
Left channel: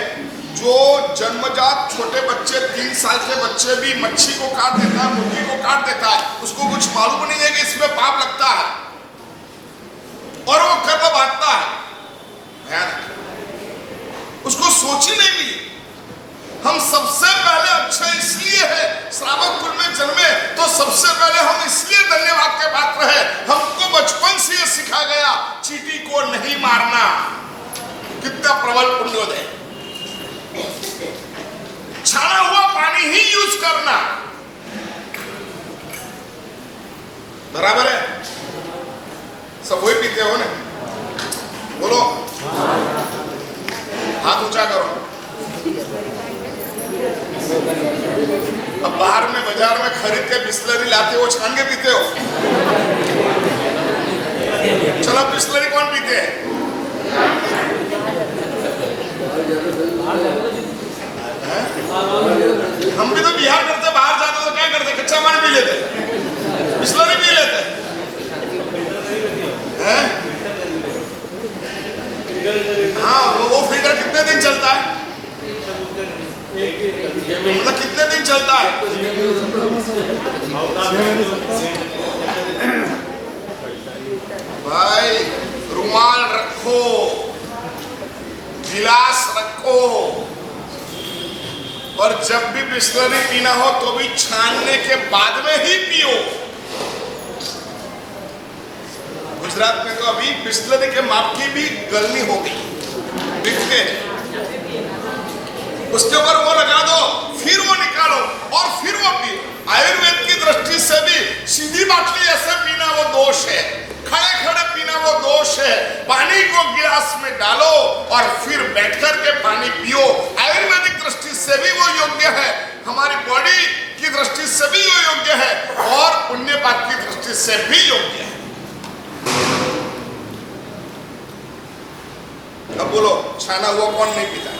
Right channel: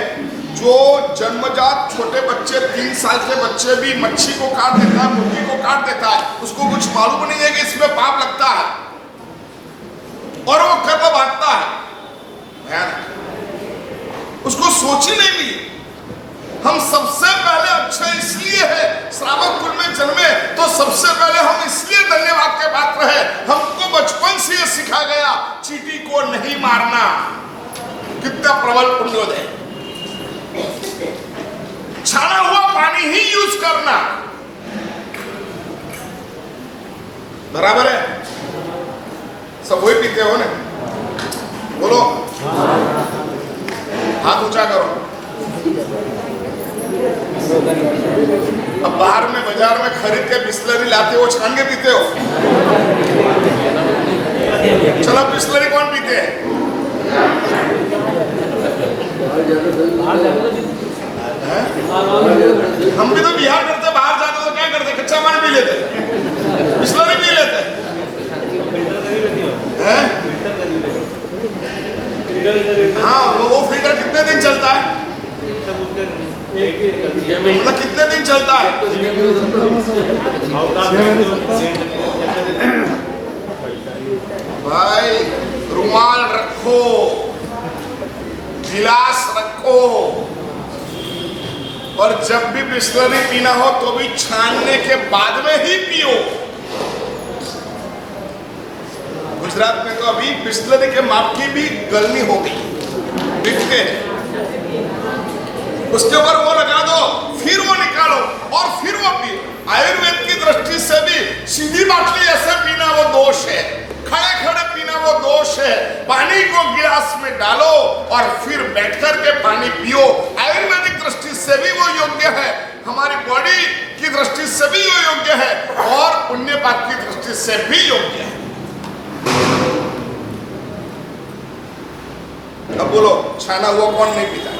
जो जन्मजात छोटे बच्चे 3 साल के बच्चे भी मच्छी को काट देता है, मुर्गी को काट देता है, उसको कुछ मालूम नहीं है कि इसमें पाप लगता है और वो कर्म बांटता है। भयानक, उसको सोच ही नहीं मिली। हम सबसे पहले अच्छे इसलिए है श्रावक कुल में जन्मे, तो सबसे पहले हम इसलिए धन्यवाद के पात्र है, हमको बचपन से ये सिखा गया चींटी को नहीं मारना। कितना प्रबल पुण्योदय। छाना हुआ पानी ही यूज करना, बराबर है? सब वही पीते हो ना? बोलो, हाथ ऊंचा करो। अब बाहर में बाजार में खरीद के बिस्लरी लाते हो, छान के पीते हो? चलो बिस्लरी कौन पीते हैं? हम भी तो बिहार करते, बाहर जाते तो क्या करते? कच्चा पानी पी लेते, बिस्लरी पी लेते हैं। हाँ, वो फिल्टर कितने दिन चलता है? मतलब कितने दिन चलता है? भाई रुमाल रखो, गिलास रखो, और जब भी बिस्लरी पीना हो तो भी छानने के बाद में ही पियो। गुजरात में तो अभी बिस्लरी के माप की भी गलनी हो गई, बिकते हैं। उसके ऊपर वो लगा दो, फिर वो निकालो और फिर वो पियो। आयुर्वेद की दृष्टि से भी सीधी बाटली ऐसे पीना वो दोष है, खड़े खड़े पीना वो दोष है। पानी को गिलास में डालो और फिर बैठकर के पानी पियो। आयुर्वेदिक दृष्टि से भी वो योग्य है, हमारी बॉडी की दृष्टि से भी वो योग्य है, और पुण्य पाप की दृष्टि से भी योग्य है। अब बोलो, छाना हुआ कौन नहीं पीता?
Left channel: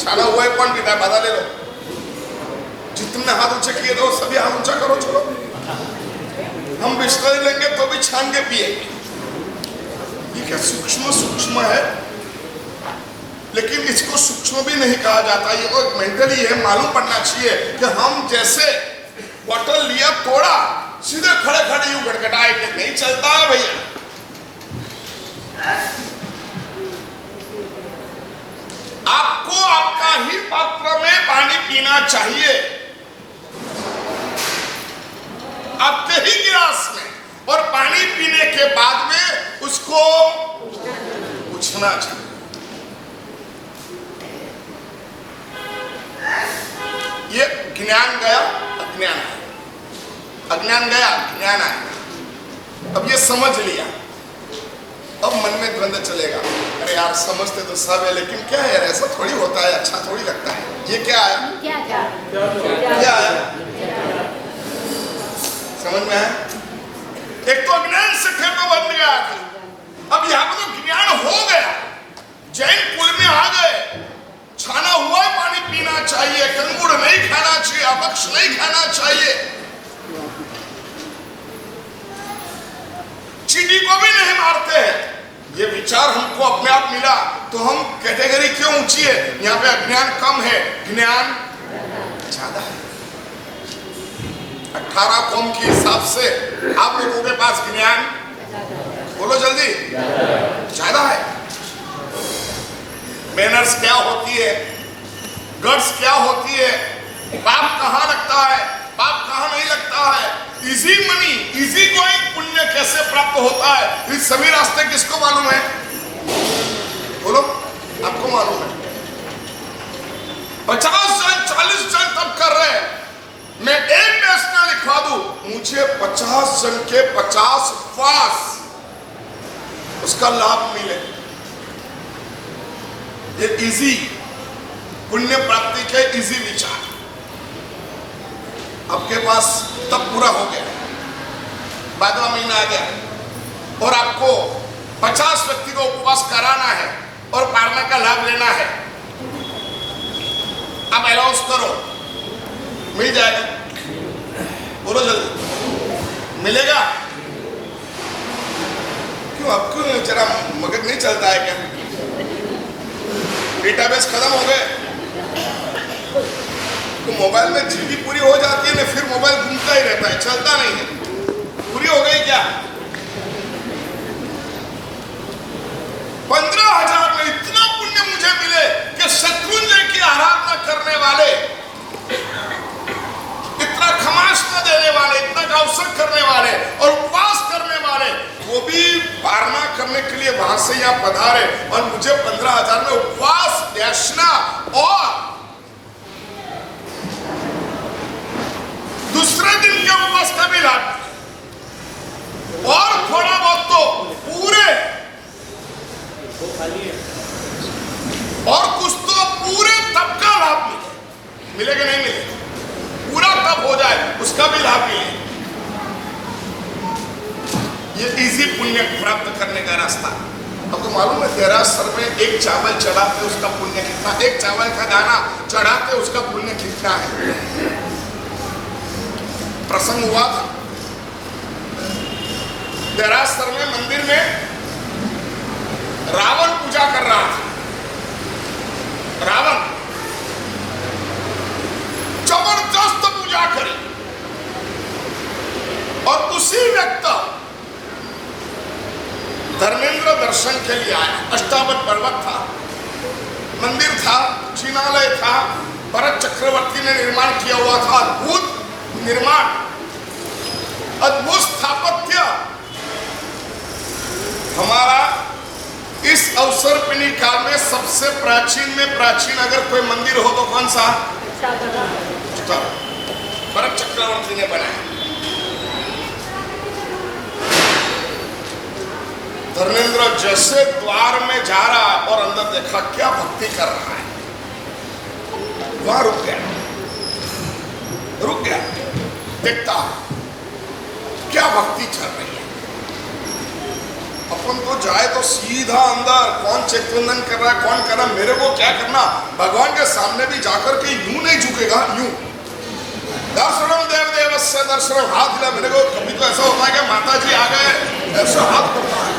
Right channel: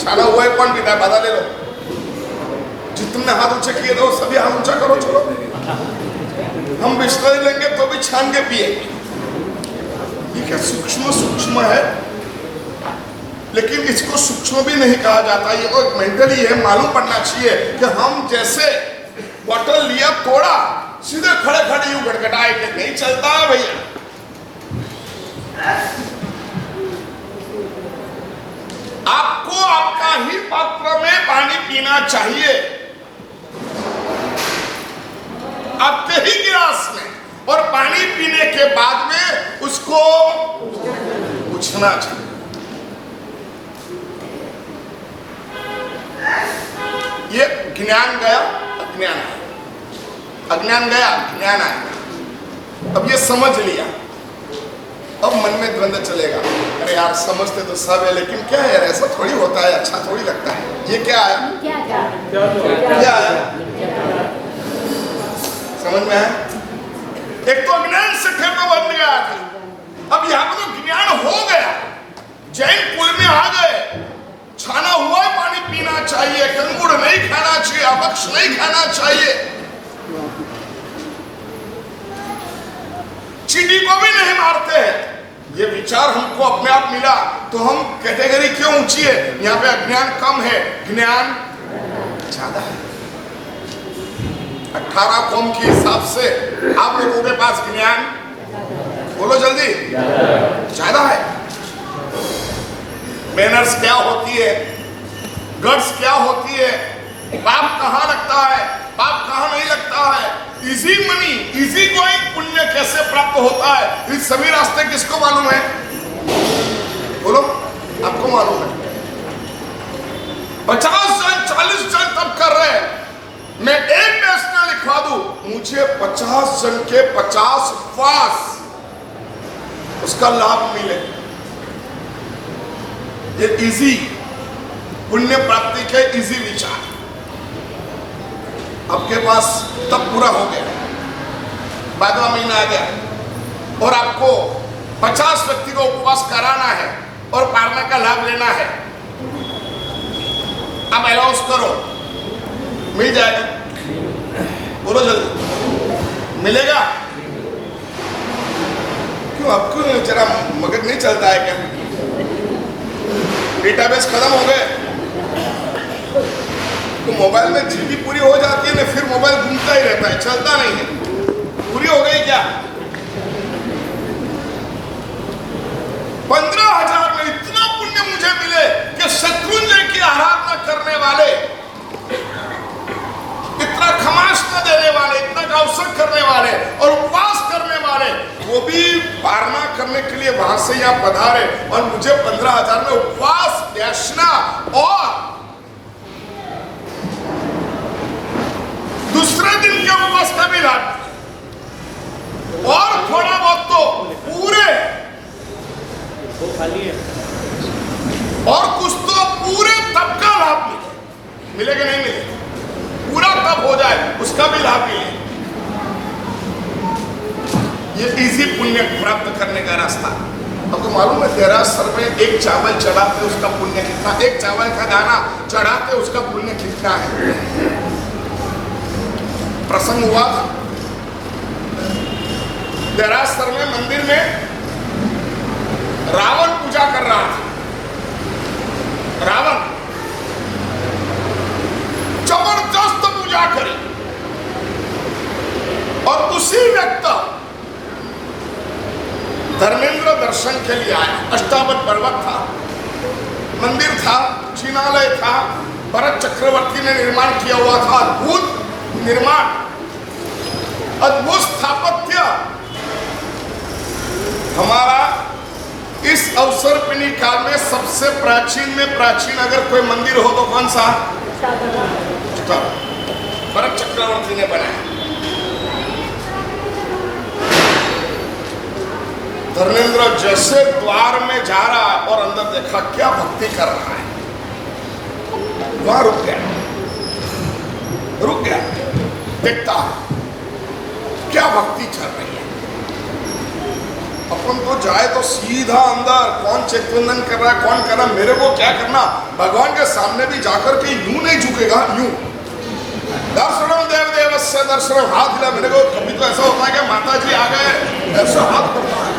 छाना हुआ है कौन पीता है? बता ले लो। जितने हाथ ऊंचे किए दो, सभी हाथ ऊंचा करो। चलो, हम बिस्लरी लेंगे तो भी छान के पिएंगे। ये क्या सूक्ष्म सूक्ष्म है, लेकिन इसको सूक्ष्म भी नहीं कहा जाता। ये तो मेंटली है, मालूम पड़ना चाहिए कि हम जैसे बॉटल लिया, तोड़ा, सीधे खड़े खड़े यूं गटगटाए कि नहीं चलता है भैया। आपको आपका ही पात्र में पानी पीना चाहिए, आपके ही गिलास में, और पानी पीने के बाद में उसको पूछना चाहिए। ये ज्ञान गया, अज्ञान आया। अज्ञान गया, ज्ञान आया। अब ये समझ लिया, अब मन में द्वंद्व चलेगा। अरे यार, समझते तो सब है, लेकिन क्या है यार, ऐसा थोड़ी होता है, अच्छा थोड़ी लगता है। ये क्या आया? क्या आया? समझ में आया? एक तो अज्ञान से कर्म बन गया था, अब यहाँ पर तो ज्ञान हो गया, जैन कुल में आ गए। छाना हुआ पानी पीना चाहिए, कंगुड़ नहीं खाना चाहिए, अभक्ष नहीं खाना चाहिए, चींटी को भी नहीं मारते हैं। ये विचार हमको अपने आप मिला, तो हम कैटेगरी क्यों ऊंची है? यहाँ पे अज्ञान कम है, ज्ञान ज्यादा है। 18 कौम के हिसाब से आप लोगों के पास ज्ञान, बोलो जल्दी, ज्यादा है। मैनर्स क्या होती है, गट्स क्या होती है, पाप कहाँ लगता है, पाप कहाँ नहीं लगता है, इजी मनी, इजी गोइंग पुण्य कैसे प्राप्त होता है, ये सभी रास्ते किसको मालूम है? बोलो, आपको मालूम है। 50 जन 40 जन तब कर रहे हैं, मैं एक नेशनल लिखवा दूं, मुझे 50 जन के 50 फास उसका लाभ मिले। ये इजी पुण्य प्राप्ति के इजी विचार आपके पास तब पूरा हो गया, 12वां महीना आ गया और आपको 50 व्यक्ति को उपवास कराना है और पारना का लाभ लेना है। आप अनाउंस करो, मिल जाएगा। बोलो जल्दी, मिलेगा? क्यों आपको जरा मगज नहीं चलता है क्या? डेटाबेस खत्म हो गए तो मोबाइल में जीबी पूरी हो जाती है ना, फिर मोबाइल घूमता ही रहता है, चलता नहीं है। पूरी हो गई क्या? 15,000 में इतना पुण्य मुझे मिले कि शत्रुंजय की आराधना करने वाले, इतना खमास न देने वाले, इतना अवसर करने वाले और उपवास करने वाले, वो भी पारना करने के लिए वहां से यहाँ पधारे और मुझे 15,000 में उपवास, याचना और दूसरे दिन के उपवास का भी लाभ और थोड़ा बहुत तो पूरे और कुछ तो पूरे तप का लाभ मिलेगा, नहीं मिलेगा? पूरा तप हो जाए उसका भी लाभ मिले। ये इजी पुण्य प्राप्त करने का रास्ता। आपको मालूम है देरासर में एक चावल चढ़ाते उसका पुण्य कितना, एक चावल का दाना चढ़ाते उसका पुण्य कितना है? प्रसंग हुआ था देरासर में, मंदिर में रावण पूजा कर रहा था। रावण जबरदस्त पूजा करी और उसी व्यक्ति धर्मेंद्र दर्शन के लिए आया। अष्टावक्र पर्वत था, मंदिर था, जिनालय था, भरत चक्रवर्ती ने निर्माण किया हुआ था। अद्भुत निर्माण, अद्भुत स्थापत्य। हमारा इस अवसर पिनी काल में सबसे प्राचीन में प्राचीन अगर कोई मंदिर हो तो कौन सा? भरत चक्रवर्ती ने बनाया। धर्मेंद्र जैसे द्वार में जा रहा और अंदर देखा क्या भक्ति कर रहा है, वहां रुक गया, देखता क्या भक्ति चल रही है। अपन तो जाए तो सीधा अंदर, कौन चेतवंदन कर रहा है, कौन कर रहा है, मेरे को क्या करना? भगवान के सामने भी जाकर के यूं नहीं झुकेगा, यूं दर्शनम देव देवस्य दर्शनम, हाथ हिला। मेरे को कभी तो ऐसा होता है कि माता जी आ गए, ऐसा हाथ करता है,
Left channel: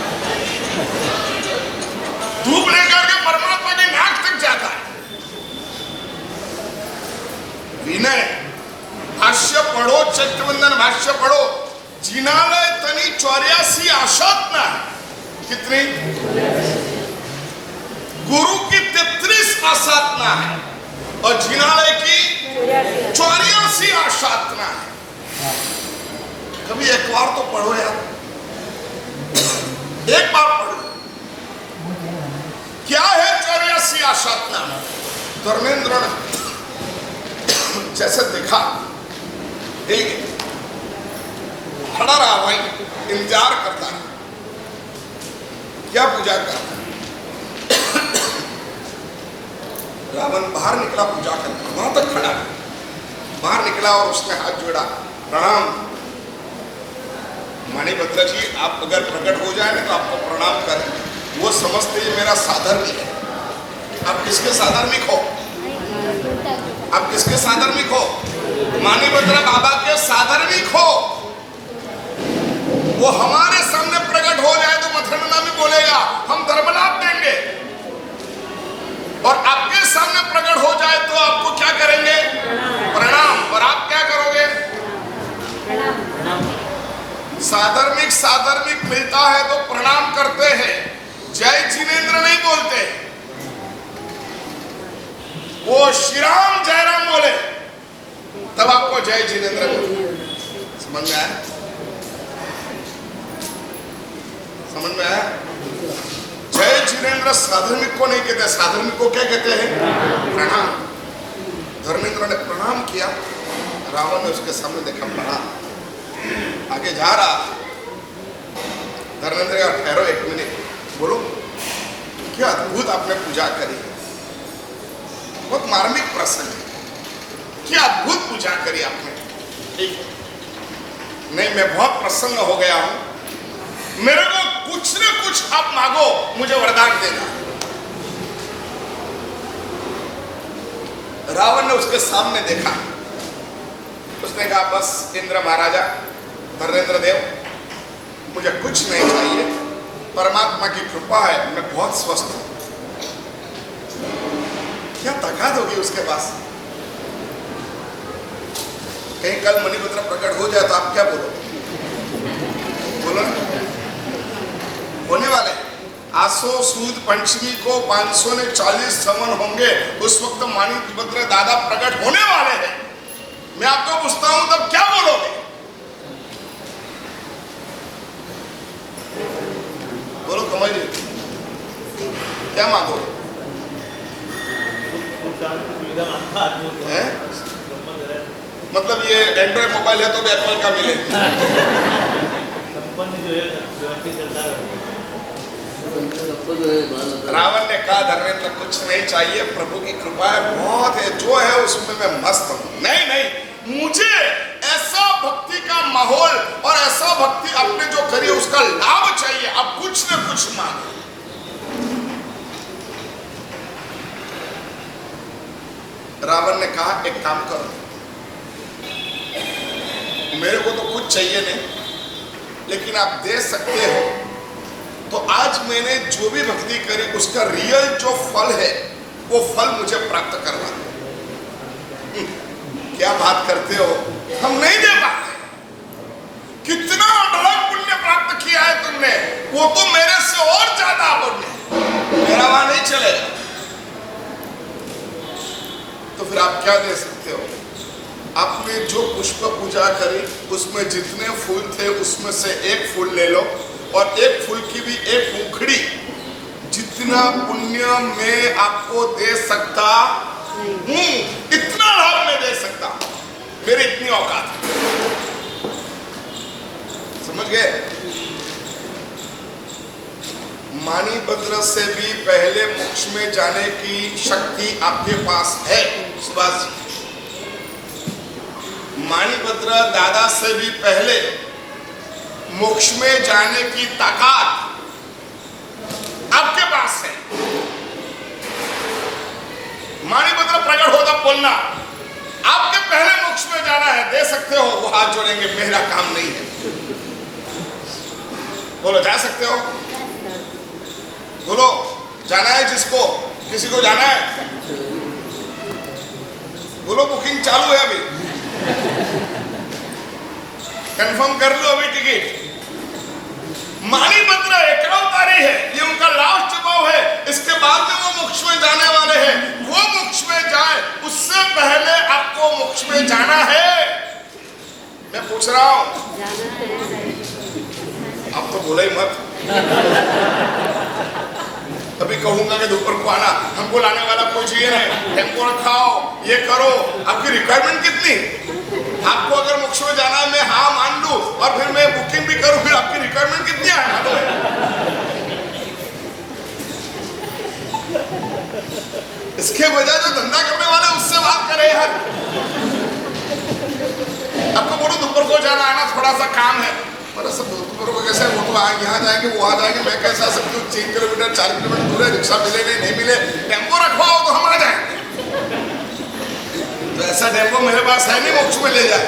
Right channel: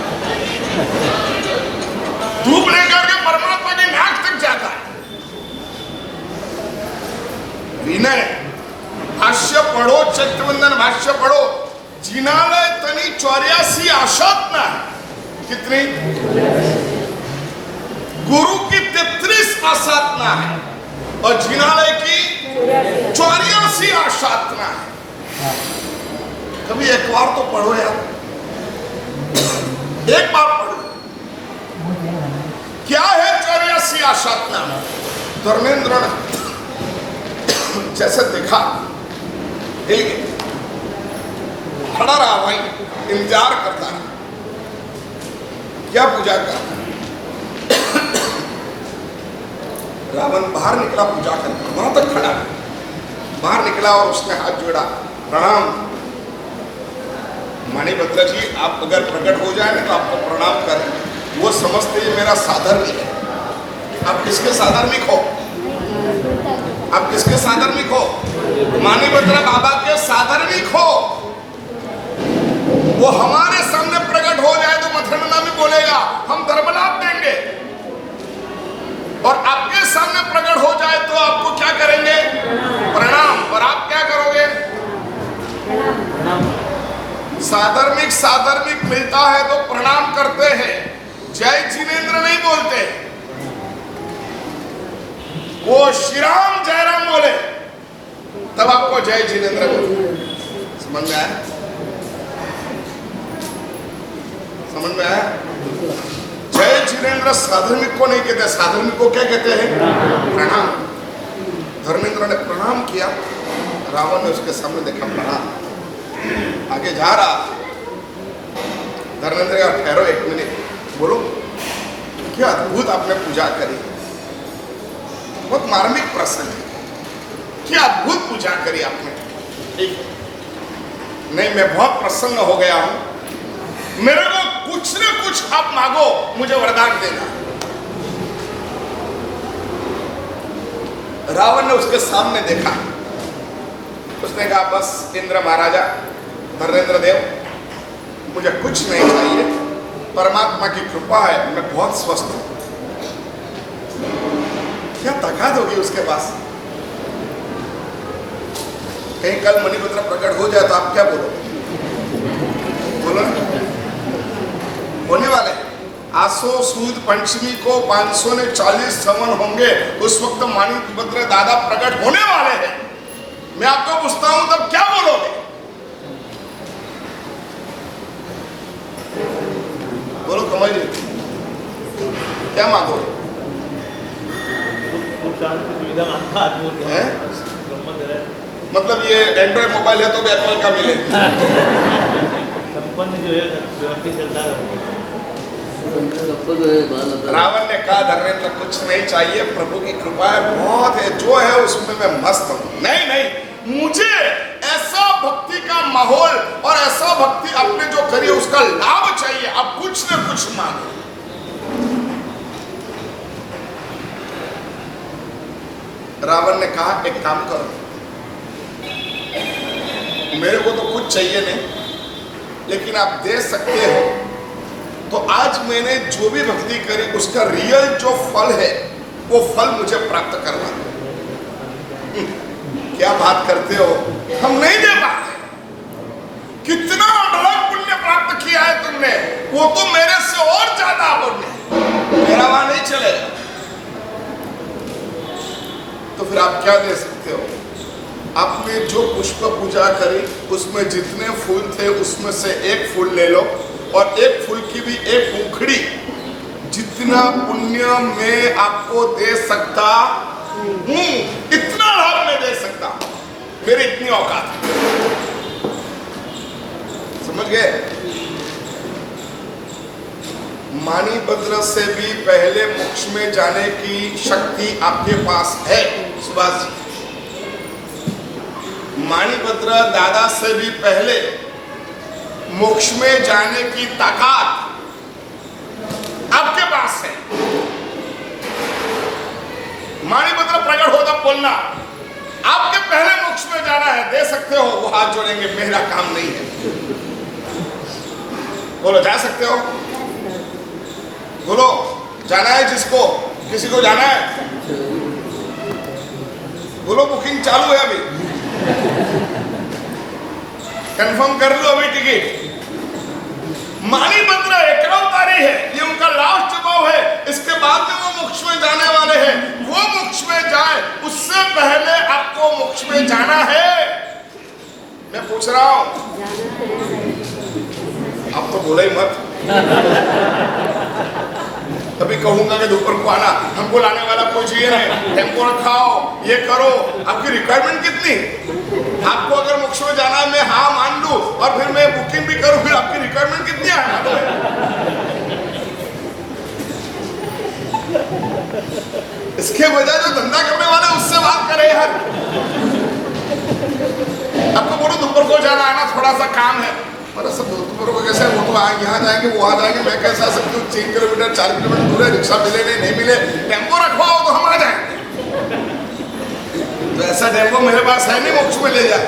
धूप लेकर के परमात्मा की नाक तक जाता है। विनय भाष्य पढ़ो, चैतवंदन भाष्य पढ़ो। जिनालय तनी 84 आशातना है। कितनी? गुरु की 33 आसाधना है और जिनालय की 84 आसाधना है। कभी एक बार तो पढ़ो यार, एक बार पढ़ो। क्या है 84 आसाधना? धर्मेंद्र ने जैसे देखा, खड़ा रहा भाई, इंतजार करता है क्या पूजा करता है। रावण बाहर निकला पूजा करता, वहां तक खड़ा है, बाहर निकला और उसने हाथ जोड़ा, प्रणाम मणिभद्र जी, आप अगर प्रकट हो जाए ना तो आपको प्रणाम करें। वो समझते ये मेरा साधर्मिक है। आप किसके साधर्मिक हो? आप किसके साधर्मिक हो? मणिभद्र बाबा के साधर्मिक हो। वो हमारे सामने प्रकट हो जाए तो मथुरा भी बोलेगा हम धर्मलाभ देंगे, और आपके सामने प्रकट हो जाए तो आपको क्या करेंगे? प्रणाम। और आप क्या करोगे? साधर्मिक साधर्मिक मिलता है तो प्रणाम करते हैं, जय जिनेंद्र नहीं बोलते। वो श्री राम जयराम बोले तब आपको जय जिनेंद्र बोले। समझ में आया? समझ में आया? जय जिनेंद्र साधर्मिक को नहीं कहते, साधर्मिक को क्या कहते हैं? प्रणाम। धर्मेंद्र ने प्रणाम किया, रावण ने उसके सामने देखा, प्रणाम। आगे जा रहा, धर्मेंद्र का ठहरो एक मिनट, बोलो क्या अद्भुत आपने पूजा करी, बहुत मार्मिक प्रसंग है, क्या अद्भुत पूजा करी आपने। ठीक नहीं, मैं बहुत प्रसन्न हो गया हूं, मेरे को कुछ न कुछ आप मांगो, मुझे वरदान देना। रावण ने उसके सामने देखा, उसने कहा बस इंद्र महाराजा, धर्मेंद्र देव, मुझे कुछ नहीं चाहिए, परमात्मा की कृपा है, मैं बहुत स्वस्थ हूं। क्या ताकत होगी उसके पास? कहीं कल मणिपत्र प्रकट हो जाए तो आप क्या बोलोगे? बोलो ना। होने वाले आसो सूद पंचमी को 540 सवन होंगे, उस वक्त मणिपत्र दादा प्रकट होने वाले हैं। मैं आपको पूछता हूं तब क्या बोलोगे? बोलो कमल जी, क्या मांगोगे? मतलब ये एंड्रॉइड मोबाइल है तो भी एप्पल का मिले? रावण ने कहा धर्मेंद्र कुछ नहीं चाहिए, प्रभु की कृपा है, बहुत है, जो है उसमें मैं मस्त हूं। नहीं, मुझे ऐसा भक्ति का माहौल और ऐसा भक्ति आपने जो करी उसका लाभ चाहिए। आप कुछ न कुछ मांगो। रावण ने कहा एक काम करो, मेरे को तो कुछ चाहिए नहीं, लेकिन आप दे सकते हो तो आज मैंने जो भी भक्ति करी उसका रियल जो फल है वो फल मुझे प्राप्त करवा दो। क्या बात करते हो, हम नहीं दे पाते। कितना अढळक पुण्य प्राप्त किया है तुमने, वो तो मेरे से और ज्यादा पुण्य, मेरा वहां नहीं चलेगा। तो फिर आप क्या दे सकते हो? आपने जो पुष्प पूजा करी उसमें जितने फूल थे उसमें से एक फूल ले लो, और एक फूल की भी एक पंखुड़ी। जितना पुण्य मैं आपको दे सकता हूं इतना लाभ मैं दे सकता हूं, मेरी इतनी औकात है। समझ गए? मणिपत्र से भी पहले मोक्ष में जाने की शक्ति आपके पास है सुभाष जी। मणिपत्र दादा से भी पहले मोक्ष में जाने की ताकत आपके पास है। मणिपत्र प्रकट होता बोलना, आपके पहले मोक्ष में जाना है, दे सकते हो? वो हाथ जोड़ेंगे, मेरा काम नहीं है। बोलो जा सकते हो? बोलो जाना है जिसको, किसी को जाना है? बोलो बुकिंग चालू है अभी, कंफर्म कर लो अभी टिकट। मणिपत्र एकावतारी है, ये उनका लास्ट भाव है, इसके बाद में वो मोक्ष में जाने वाले हैं। वो मोक्ष में जाए उससे पहले आपको मोक्ष में जाना है। मैं पूछ रहा हूं, आप तो बोला ही मत। तभी कहूंगा कि दोपहर को आना, हमको लाने वाला कोई चाहिए नहीं, टेम्पो रखाओ, ये करो। आपकी रिक्वायरमेंट कितनी? आपको अगर मोक्ष में जाना है मैं हाँ मान लूं और फिर मैं बुकिंग भी करूं, फिर आपकी रिक्वायरमेंट कितनी है? इसके बजाय जो धंधा करने वाले उससे बात करें यार। आपको बोलो दोपहर को जाना है ना, थोड़ा सा काम है, सब दोपहर को कैसे, वो तो यहाँ जाएंगे वो वहां जाएंगे, मैं कैसे आ सकती हूँ? 3 किलोमीटर 4 किलोमीटर दूर है, रिक्शा मिले नहीं मिले, टेम्पो रखवाओ तो हम आ जाएंगे। तो ऐसा टेम्पो मेरे पास है नहीं मोक्ष में ले जाए।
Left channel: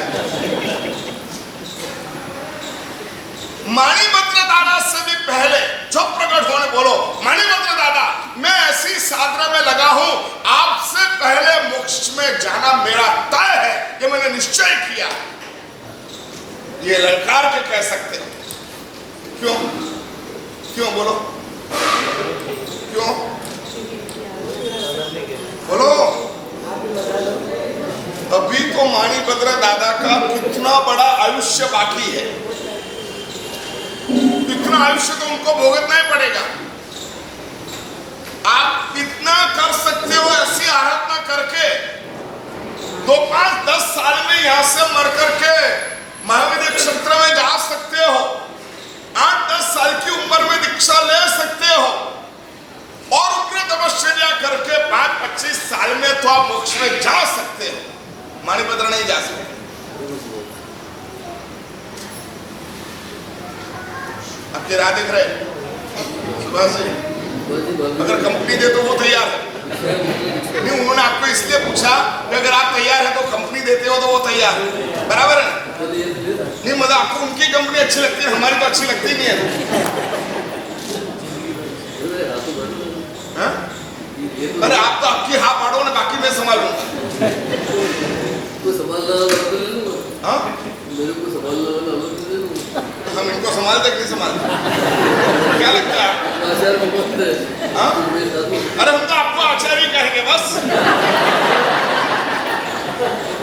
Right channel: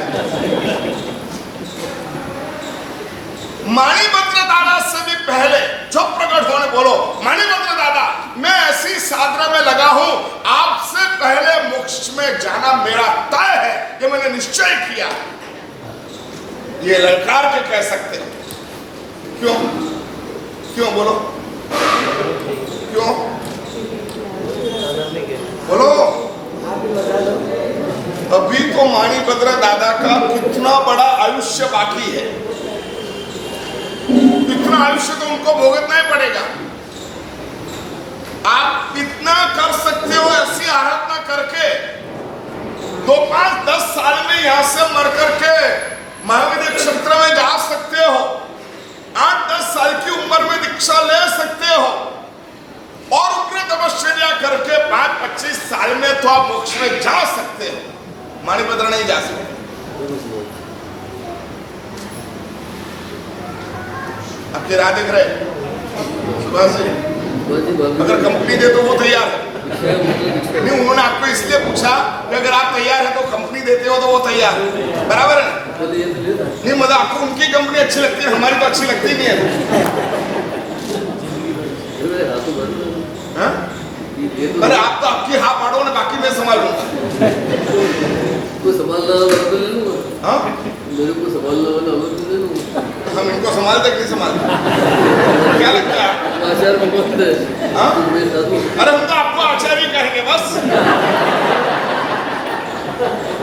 मणिपत्र दादा से भी पहले जो प्रकट होने, बोलो मणिपत्र दादा मैं ऐसी साधना में लगा हूं, आपसे पहले मोक्ष में जाना मेरा तय है, ये मैंने निश्चय किया। ये ललकार के कह सकते हैं। क्यों? क्यों बोलो क्यों? बोलो। अभी तो मणिपत्र दादा का कितना बड़ा आयुष्य बाकी है, इतना आयुष्य तो उनको भोगतना ही पड़ेगा। आप इतना कर सकते हो ऐसी आराधना करके, 2, 5, 10 साल में यहां से मर करके महाविद्या क्षेत्र में जा सकते हो, 8-10 साल की उम्र में दीक्षा ले सकते हो, और उग्र तपश्चर्या करके 5-25 साल में तो आप मोक्ष में जा सकते हो। मणिपत्र नहीं जा सकते। आपकी राह देख रहे सुबह से, अगर कंपनी दे तो वो तैयार है नहीं। उन्होंने आपको इसलिए पूछा कि अगर आप तैयार है तो कंपनी देते हो तो वो तैयार है, बराबर है नहीं? मतलब आपको उनकी कंपनी अच्छी लगती है, हमारी तो अच्छी लगती नहीं है। अरे आप तो आपकी हाँ पाड़ो ना, बाकी मैं संभालूंगा। को संभालना वाला तो ले लूंगा। हाँ मेरे को संभालना वाला अलग ले लूंगा। हम इनको संभालते कि नहीं संभालते? क्या लगता है? आचार्य भगवत है। हाँ? मेरे साथ में अरे हम तो आपको आचार्य कहेंगे बस।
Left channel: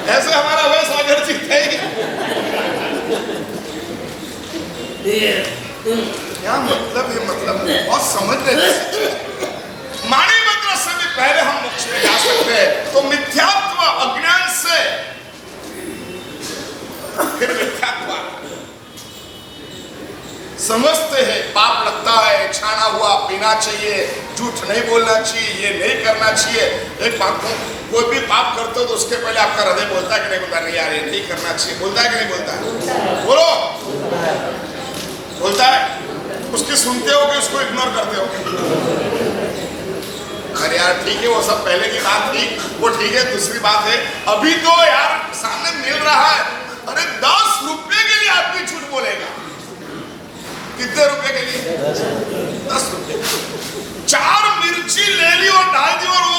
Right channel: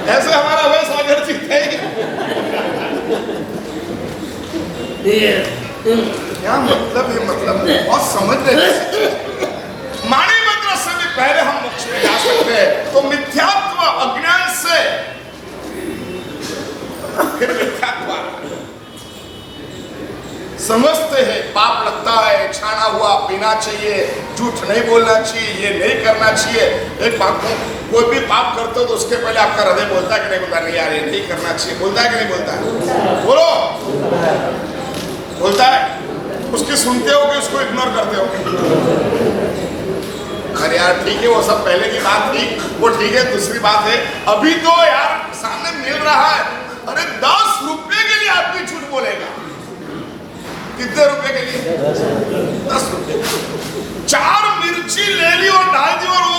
ऐसे हमारा वह सागर जीत है। क्या मतलब है? मतलब बहुत समझ रहे हैं। माणी मंत्र से भी पहले हम मोक्ष में जा सकते हैं। तो मिथ्यात्व अज्ञान से फिर मिथ्यात्व समझते हैं, पाप लगता है, छाना हुआ पीना चाहिए, झूठ नहीं बोलना चाहिए, ये नहीं करना चाहिए। एक बात को, कोई भी पाप करते हो तो उसके पहले आपका हृदय बोलता है कि नहीं बोलता? नहीं यार ये नहीं करना चाहिए, बोलता है कि नहीं बोलता? बोलो, बोलता है। उसकी सुनते हो कि उसको इग्नोर करते हो? अरे यार ठीक है, वो सब पहले की बात थी, वो ठीक है। दूसरी बात है, अभी तो यार सामने मिल रहा है। अरे 10 रुपए के लिए आदमी झूठ बोलेगा। कितने रुपए के लिए? 10 रुपए। 4 मिर्ची ले ली और डाल दी, और वो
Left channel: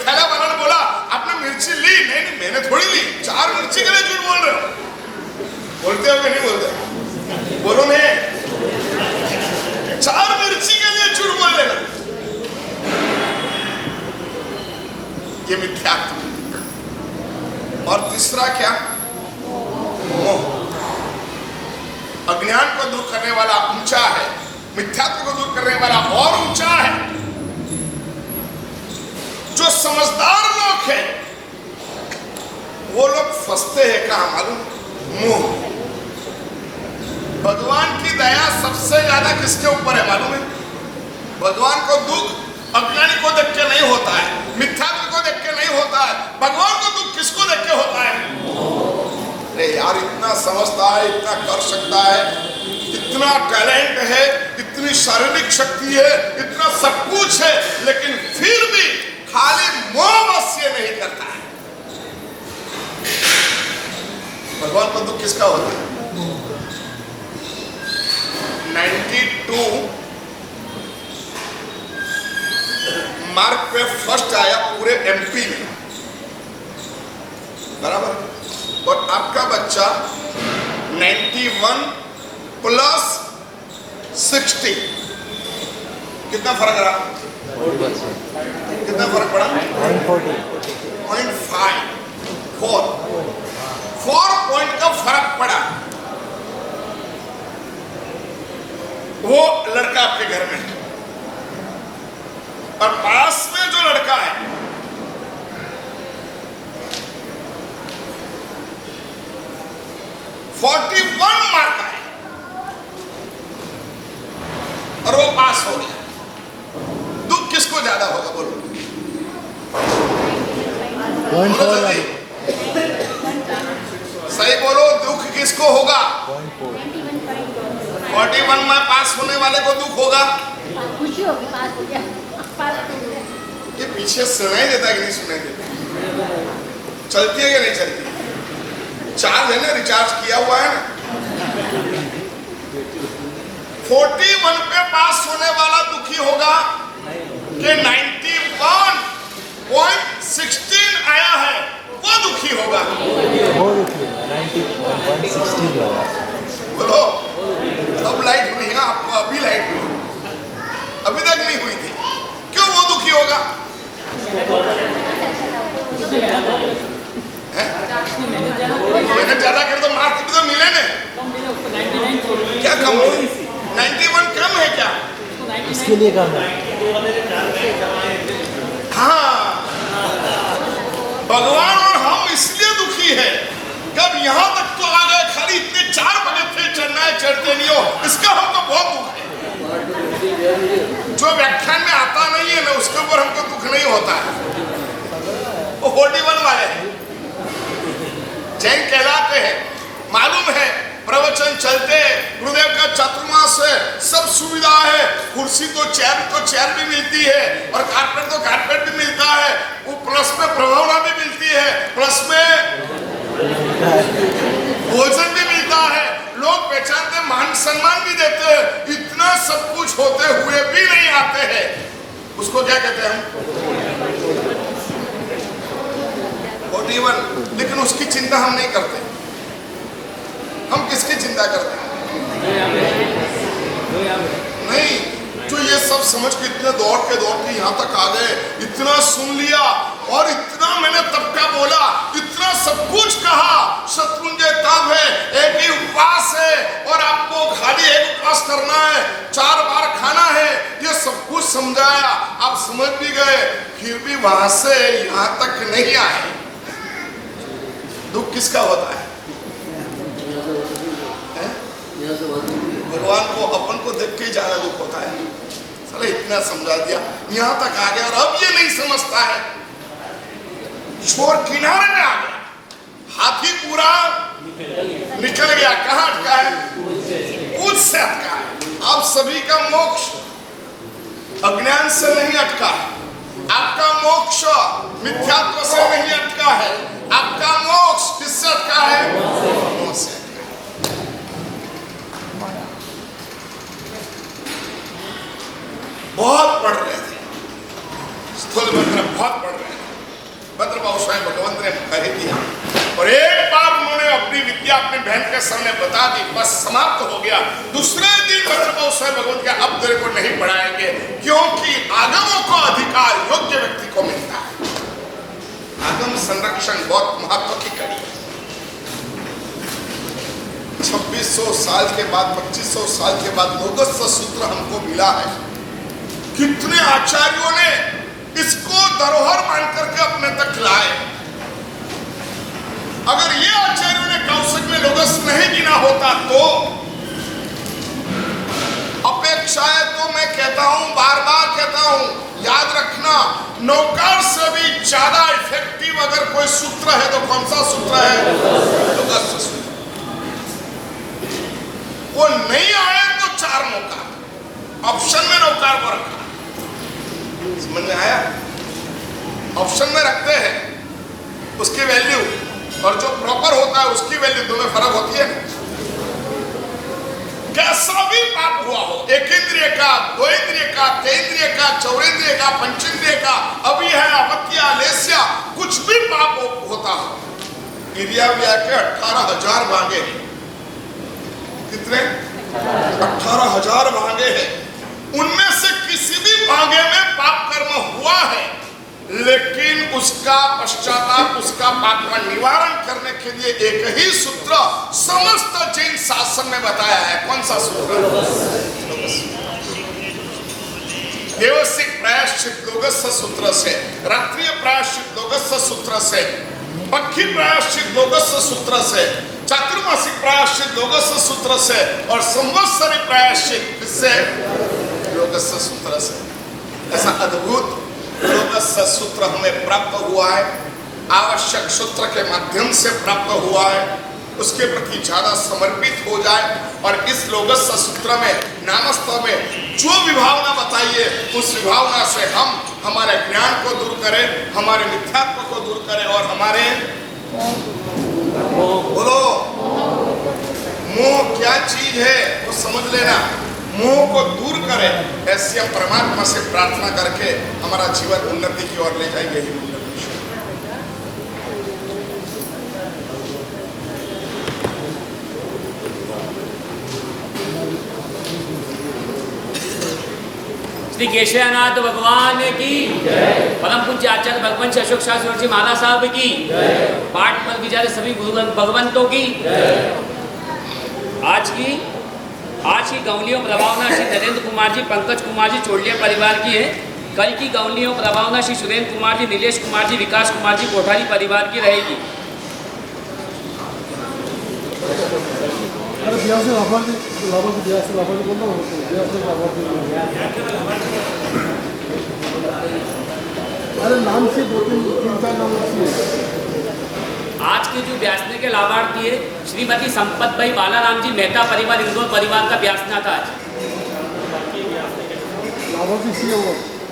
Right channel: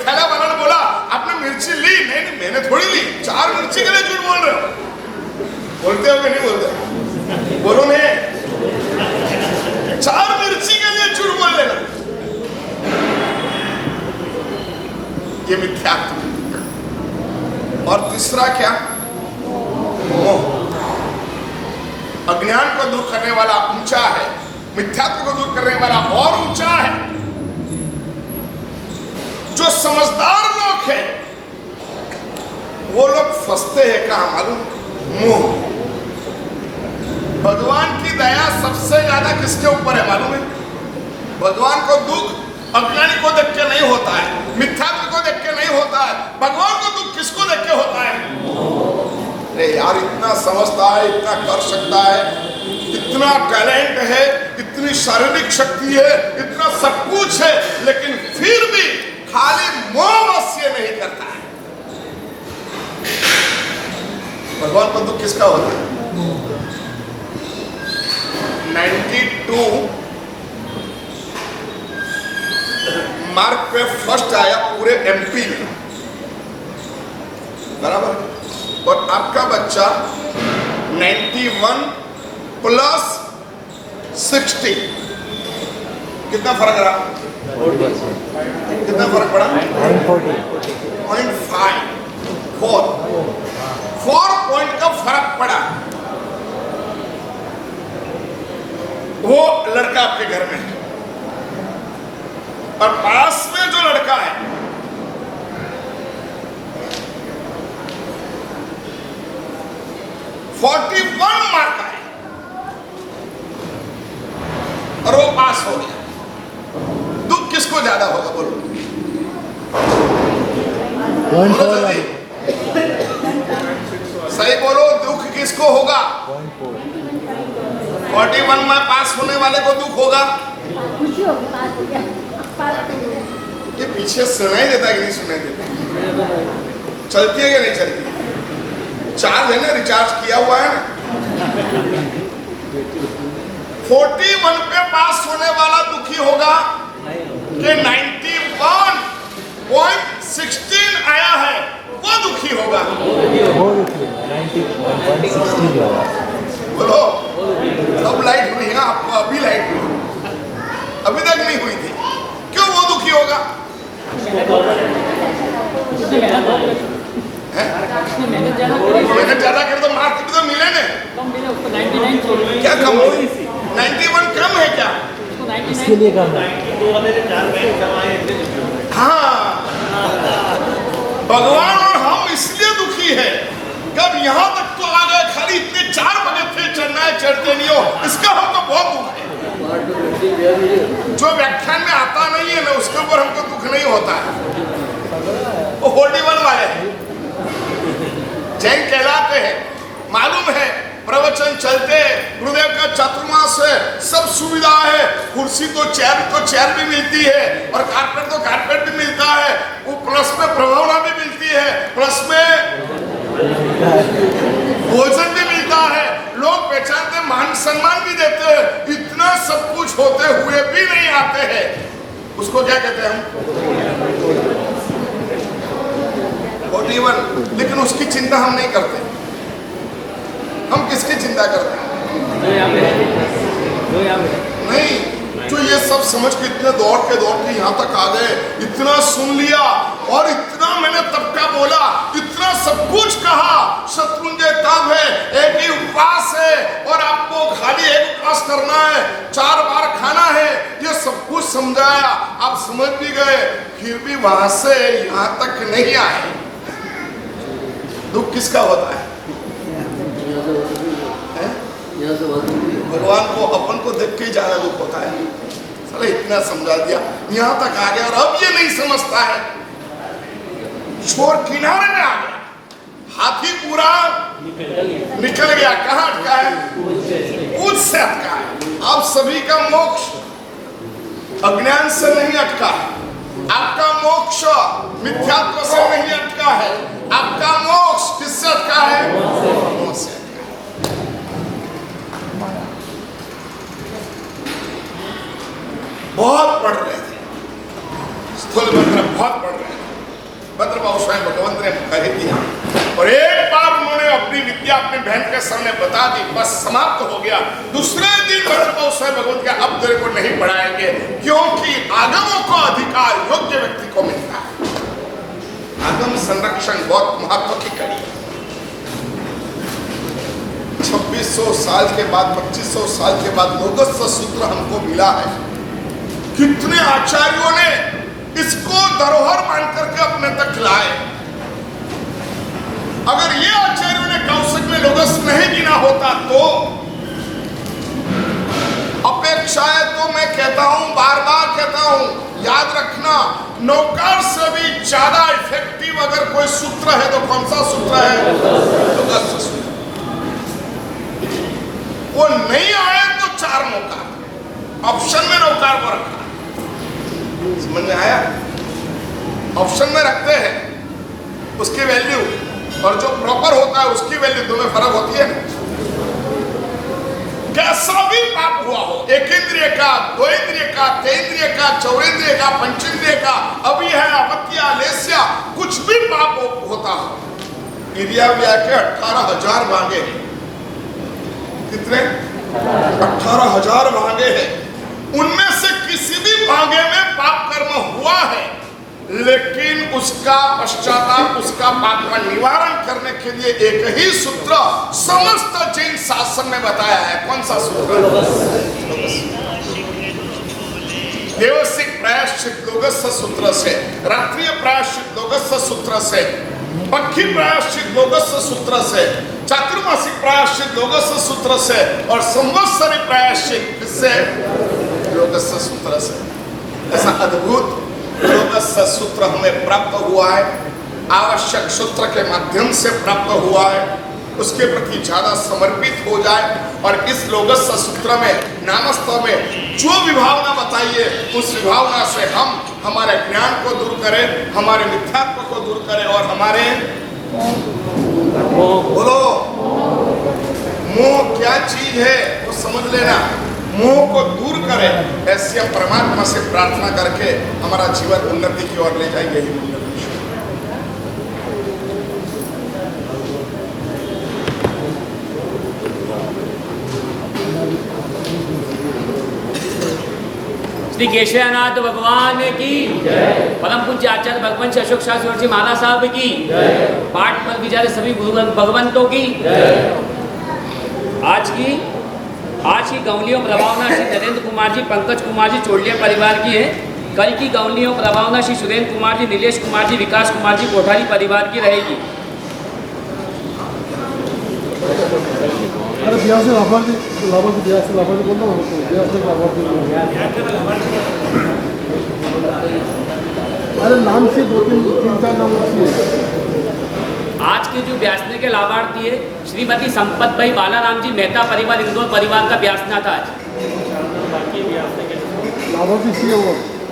थैला वाला ने बोला आपने मिर्ची ली? नहीं नहीं मैंने थोड़ी ली। 4 मिर्ची के लिए झूठ बोल रहे हो? बोलते हो कि नहीं बोलते? बोलो नहीं। 4 मिर्ची के लिए झूठ बोल लेना, ये मिथ्यात्व। और तीसरा क्या? मोह। अज्ञान को दूर करने वाला ऊंचा है, मिथ्यात्व को दूर करने वाला और ऊंचा है। जो समझदार लोग हैं वो लोग फंसते हैं कहां मालूम? मोह। भगवान की दया सबसे ज्यादा किसके ऊपर है मालूम है? भगवान को दुख अज्ञानी को देख के नहीं होता है, मिथ्यात्व को देख के नहीं होता है। भगवान को दुख किसको देख के होता है? अरे यार इतना समझता है, इतना कर सकता है, इतना टैलेंट है, इतनी शारीरिक शक्ति है, इतना सब कुछ है, लेकिन फिर भी खाली मोहवश ये नहीं करता है। भगवान को दुख किसका होता है? 92 मार्क पे फर्स्ट आया पूरे एमपी में, बराबर। और आपका बच्चा 91 प्लस 60, कितना फर्क रहा? कितना फर्क पड़ा? 4 पॉइंट का फर्क पड़ा। वो लड़का आपके घर में है, और पास में जो लड़का है $41 मार्क का है, और वो पास हो गया। दुख किसको ज्यादा होगा बोलो? सही बोलो, दुख किसको होगा? 41 में पास होने वाले को दुख होगा। खुशी होगी, पास हो गया। ये पीछे सुनाई देता है कि नहीं सुनाई देता? चलती है कि नहीं चलती? चार्ज है ना, रिचार्ज किया हुआ है ना। 41 पे पास होने वाला दुखी होगा कि 91.16 आया है वो दुखी होगा। बोलो, अब लाइट हुई है आपको? अभी लाइट हुई, अभी तक नहीं हुई थी। क्यों वो दुखी होगा? मेहनत ज्यादा कर तो मार्क्स भी तो मिले ने। क्या कम है? 91 कम है क्या? इसके लिए कम है। हाँ, भगवान और हम इसलिए दुखी है। कब यहाँ तक तो आ गए, खाली इतने 4 पगथिये चढ़ना है, चढ़ते नहीं हो, इसका हमको बहुत दुख है। जो व्याख्यान में आता नहीं है ना, उसके ऊपर हमको दुख नहीं होता है। वो 41 वाले जैन कहलाते हैं। मालूम है प्रवचन चलते, गुरुदेव का चातुर्मास है, सब सुविधा है। कुर्सी तो चेयर भी मिलती है, और कारपेट तो कारपेट भी मिलता है। वो प्लस में प्रभावना भी मिलती है, प्लस में भोजन भी मिलता है, लोग पहचानते, मान सम्मान भी देते हैं। इतना सब कुछ होते हुए भी नहीं आते हैं, उसको क्या कहते हैं हम? 41, लेकिन उसकी चिंता हम नहीं करते। हम किसकी चिंता करते हैं? नहीं, जो ये सब समझ के इतने दौड़ के यहाँ तक आ गए, इतना सुन लिया और इतना मैंने तब का बोला, इतना सब कुछ कहा, शत्रुंजय तब है, एक ही उपवास है और आपको खाली एक उपवास करना है, 4 बार खाना है, ये सब कुछ समझाया, आप समझ भी गए, फिर भी वहां से यहाँ तक नहीं आए। दुख किसका होता है? भगवान को अपन को देख के ज्यादा दुख होता है। साले इतना समझा दिया, यहाँ तक आ गया और अब ये नहीं समझता है, छोर किनारे में आ गया, हाथी पूरा निकल गया। कहाँ अटका है? पूछ से अटका है। आप सभी का मोक्ष अज्ञान से नहीं अटका है, आपका मोक्ष मिथ्यात्व से नहीं अटका है, आपका मोक्ष किससे अटका है? मोह से। बहुत पढ़ रहे थे, स्थूल मंत्र बहुत पढ़ रहे थे, भद्रबाहु स्वयं भगवंत ने कह दिया और एक बार उन्होंने अपनी विद्या अपनी बहन के सामने बता दी, बस समाप्त हो गया। दूसरे दिन भद्रबाहु स्वयं भगवंत के अब तेरे को नहीं पढ़ाएंगे, क्योंकि आगमों को अधिकार योग्य व्यक्ति को मिलता है। आगम संरक्षण बहुत महत्व की कड़ी है। 2600 साल के बाद 2500 साल के बाद लोगस्थ सूत्र हमको मिला है। कितने आचार्यों ने इसको धरोहर मान करके अपने तक लाए। अगर ये आचार्यों ने कौशिक में लोगस नहीं गिना होता तो अपेक्षाएं तो मैं कहता हूं, बार बार कहता हूं, याद रखना, नौकार से भी ज्यादा इफेक्टिव अगर कोई सूत्र है तो कौन सा सूत्र है? लोगस सूत्र। वो नहीं आए तो 4 नौकार ऑप्शन में नौकार को रखा। समझ में आया? ऑप्शन में रखते हैं उसकी वैल्यू और जो प्रॉपर होता है उसकी वैल्यू, दो में फर्क होती है। कैसा भी पाप हुआ हो, 1 इंद्रिय का, 2 इंद्रिय का, 3 इंद्रिय का, 4 इंद्रिय का, 5 इंद्रिय का, अभी है अवत्या लेस्या, कुछ भी पाप होता हो, इंद्रिया के 18,000 भागे। कितने? 18,000 भागे हैं। उनमें से किसी भी भागे में पाप कर्म हुआ है, लेकिन उसका पश्चाताप, उसका पाप का निवारण करने के लिए एक ही सूत्र समस्त जैन शासन में बताया है। कौन सा सूत्र? देवसिक प्रायश्चित लोगस्थ सूत्र से, रात्रिय प्रायश्चित लोगस्थ सूत्र से, पक्षी प्रायश्चित लोगस्थ सूत्र से, चातुर्मासिक प्रायश्चित लोगस्थ सूत्र से और संवत्सरी प्रायश्चित से लोगस्थ सूत्र से। ऐसा अद्भुत लोगस्थ सूत्र हमें प्राप्त हुआ है, आवश्यक सूत्र के माध्यम से प्राप्त हुआ है। उसके प्रति ज्यादा समर्पित हो जाए और इस लोगस्थ सूत्र में, नामस्थ में जो विभावना बताइए, उस विभावना से हम हमारे ज्ञान को दूर करें, हमारे मिथ्यात्व को दूर करें और हमारे बोलो मोह क्या चीज है वो समझ लेना, मोह को दूर करें। ऐसे हम परमात्मा से प्रार्थना करके हमारा जीवन उन्नति की ओर ले जाएंगे। ही श्री केशवनाथ भगवान की परम पूज्य आचार्य भगवंत अशोक शास्त्री जी महाराज साहब की पाठ पर विचारे सभी भगवंतों की। आज की गौलियों प्रभावना श्री नरेंद्र कुमार जी, पंकज कुमार जी चोड़िया परिवार की है। कल की गौलियों प्रभावना श्री सुरेंद्र कुमार जी, नीलेश कुमार जी, विकास कुमार जी कोठारी परिवार की रहेगी। अरे नाम से 2-3-4 नाम आज के जो ब्यासने के लाभार्थी है श्रीमती संपत भाई बालाराम जी मेहता परिवार, इंदौर परिवार का ब्यासना था आज।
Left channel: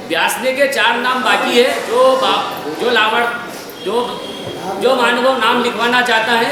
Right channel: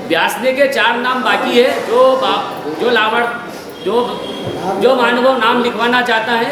ब्यासने के 4 नाम बाकी है। जो मानव नाम लिखवाना चाहता है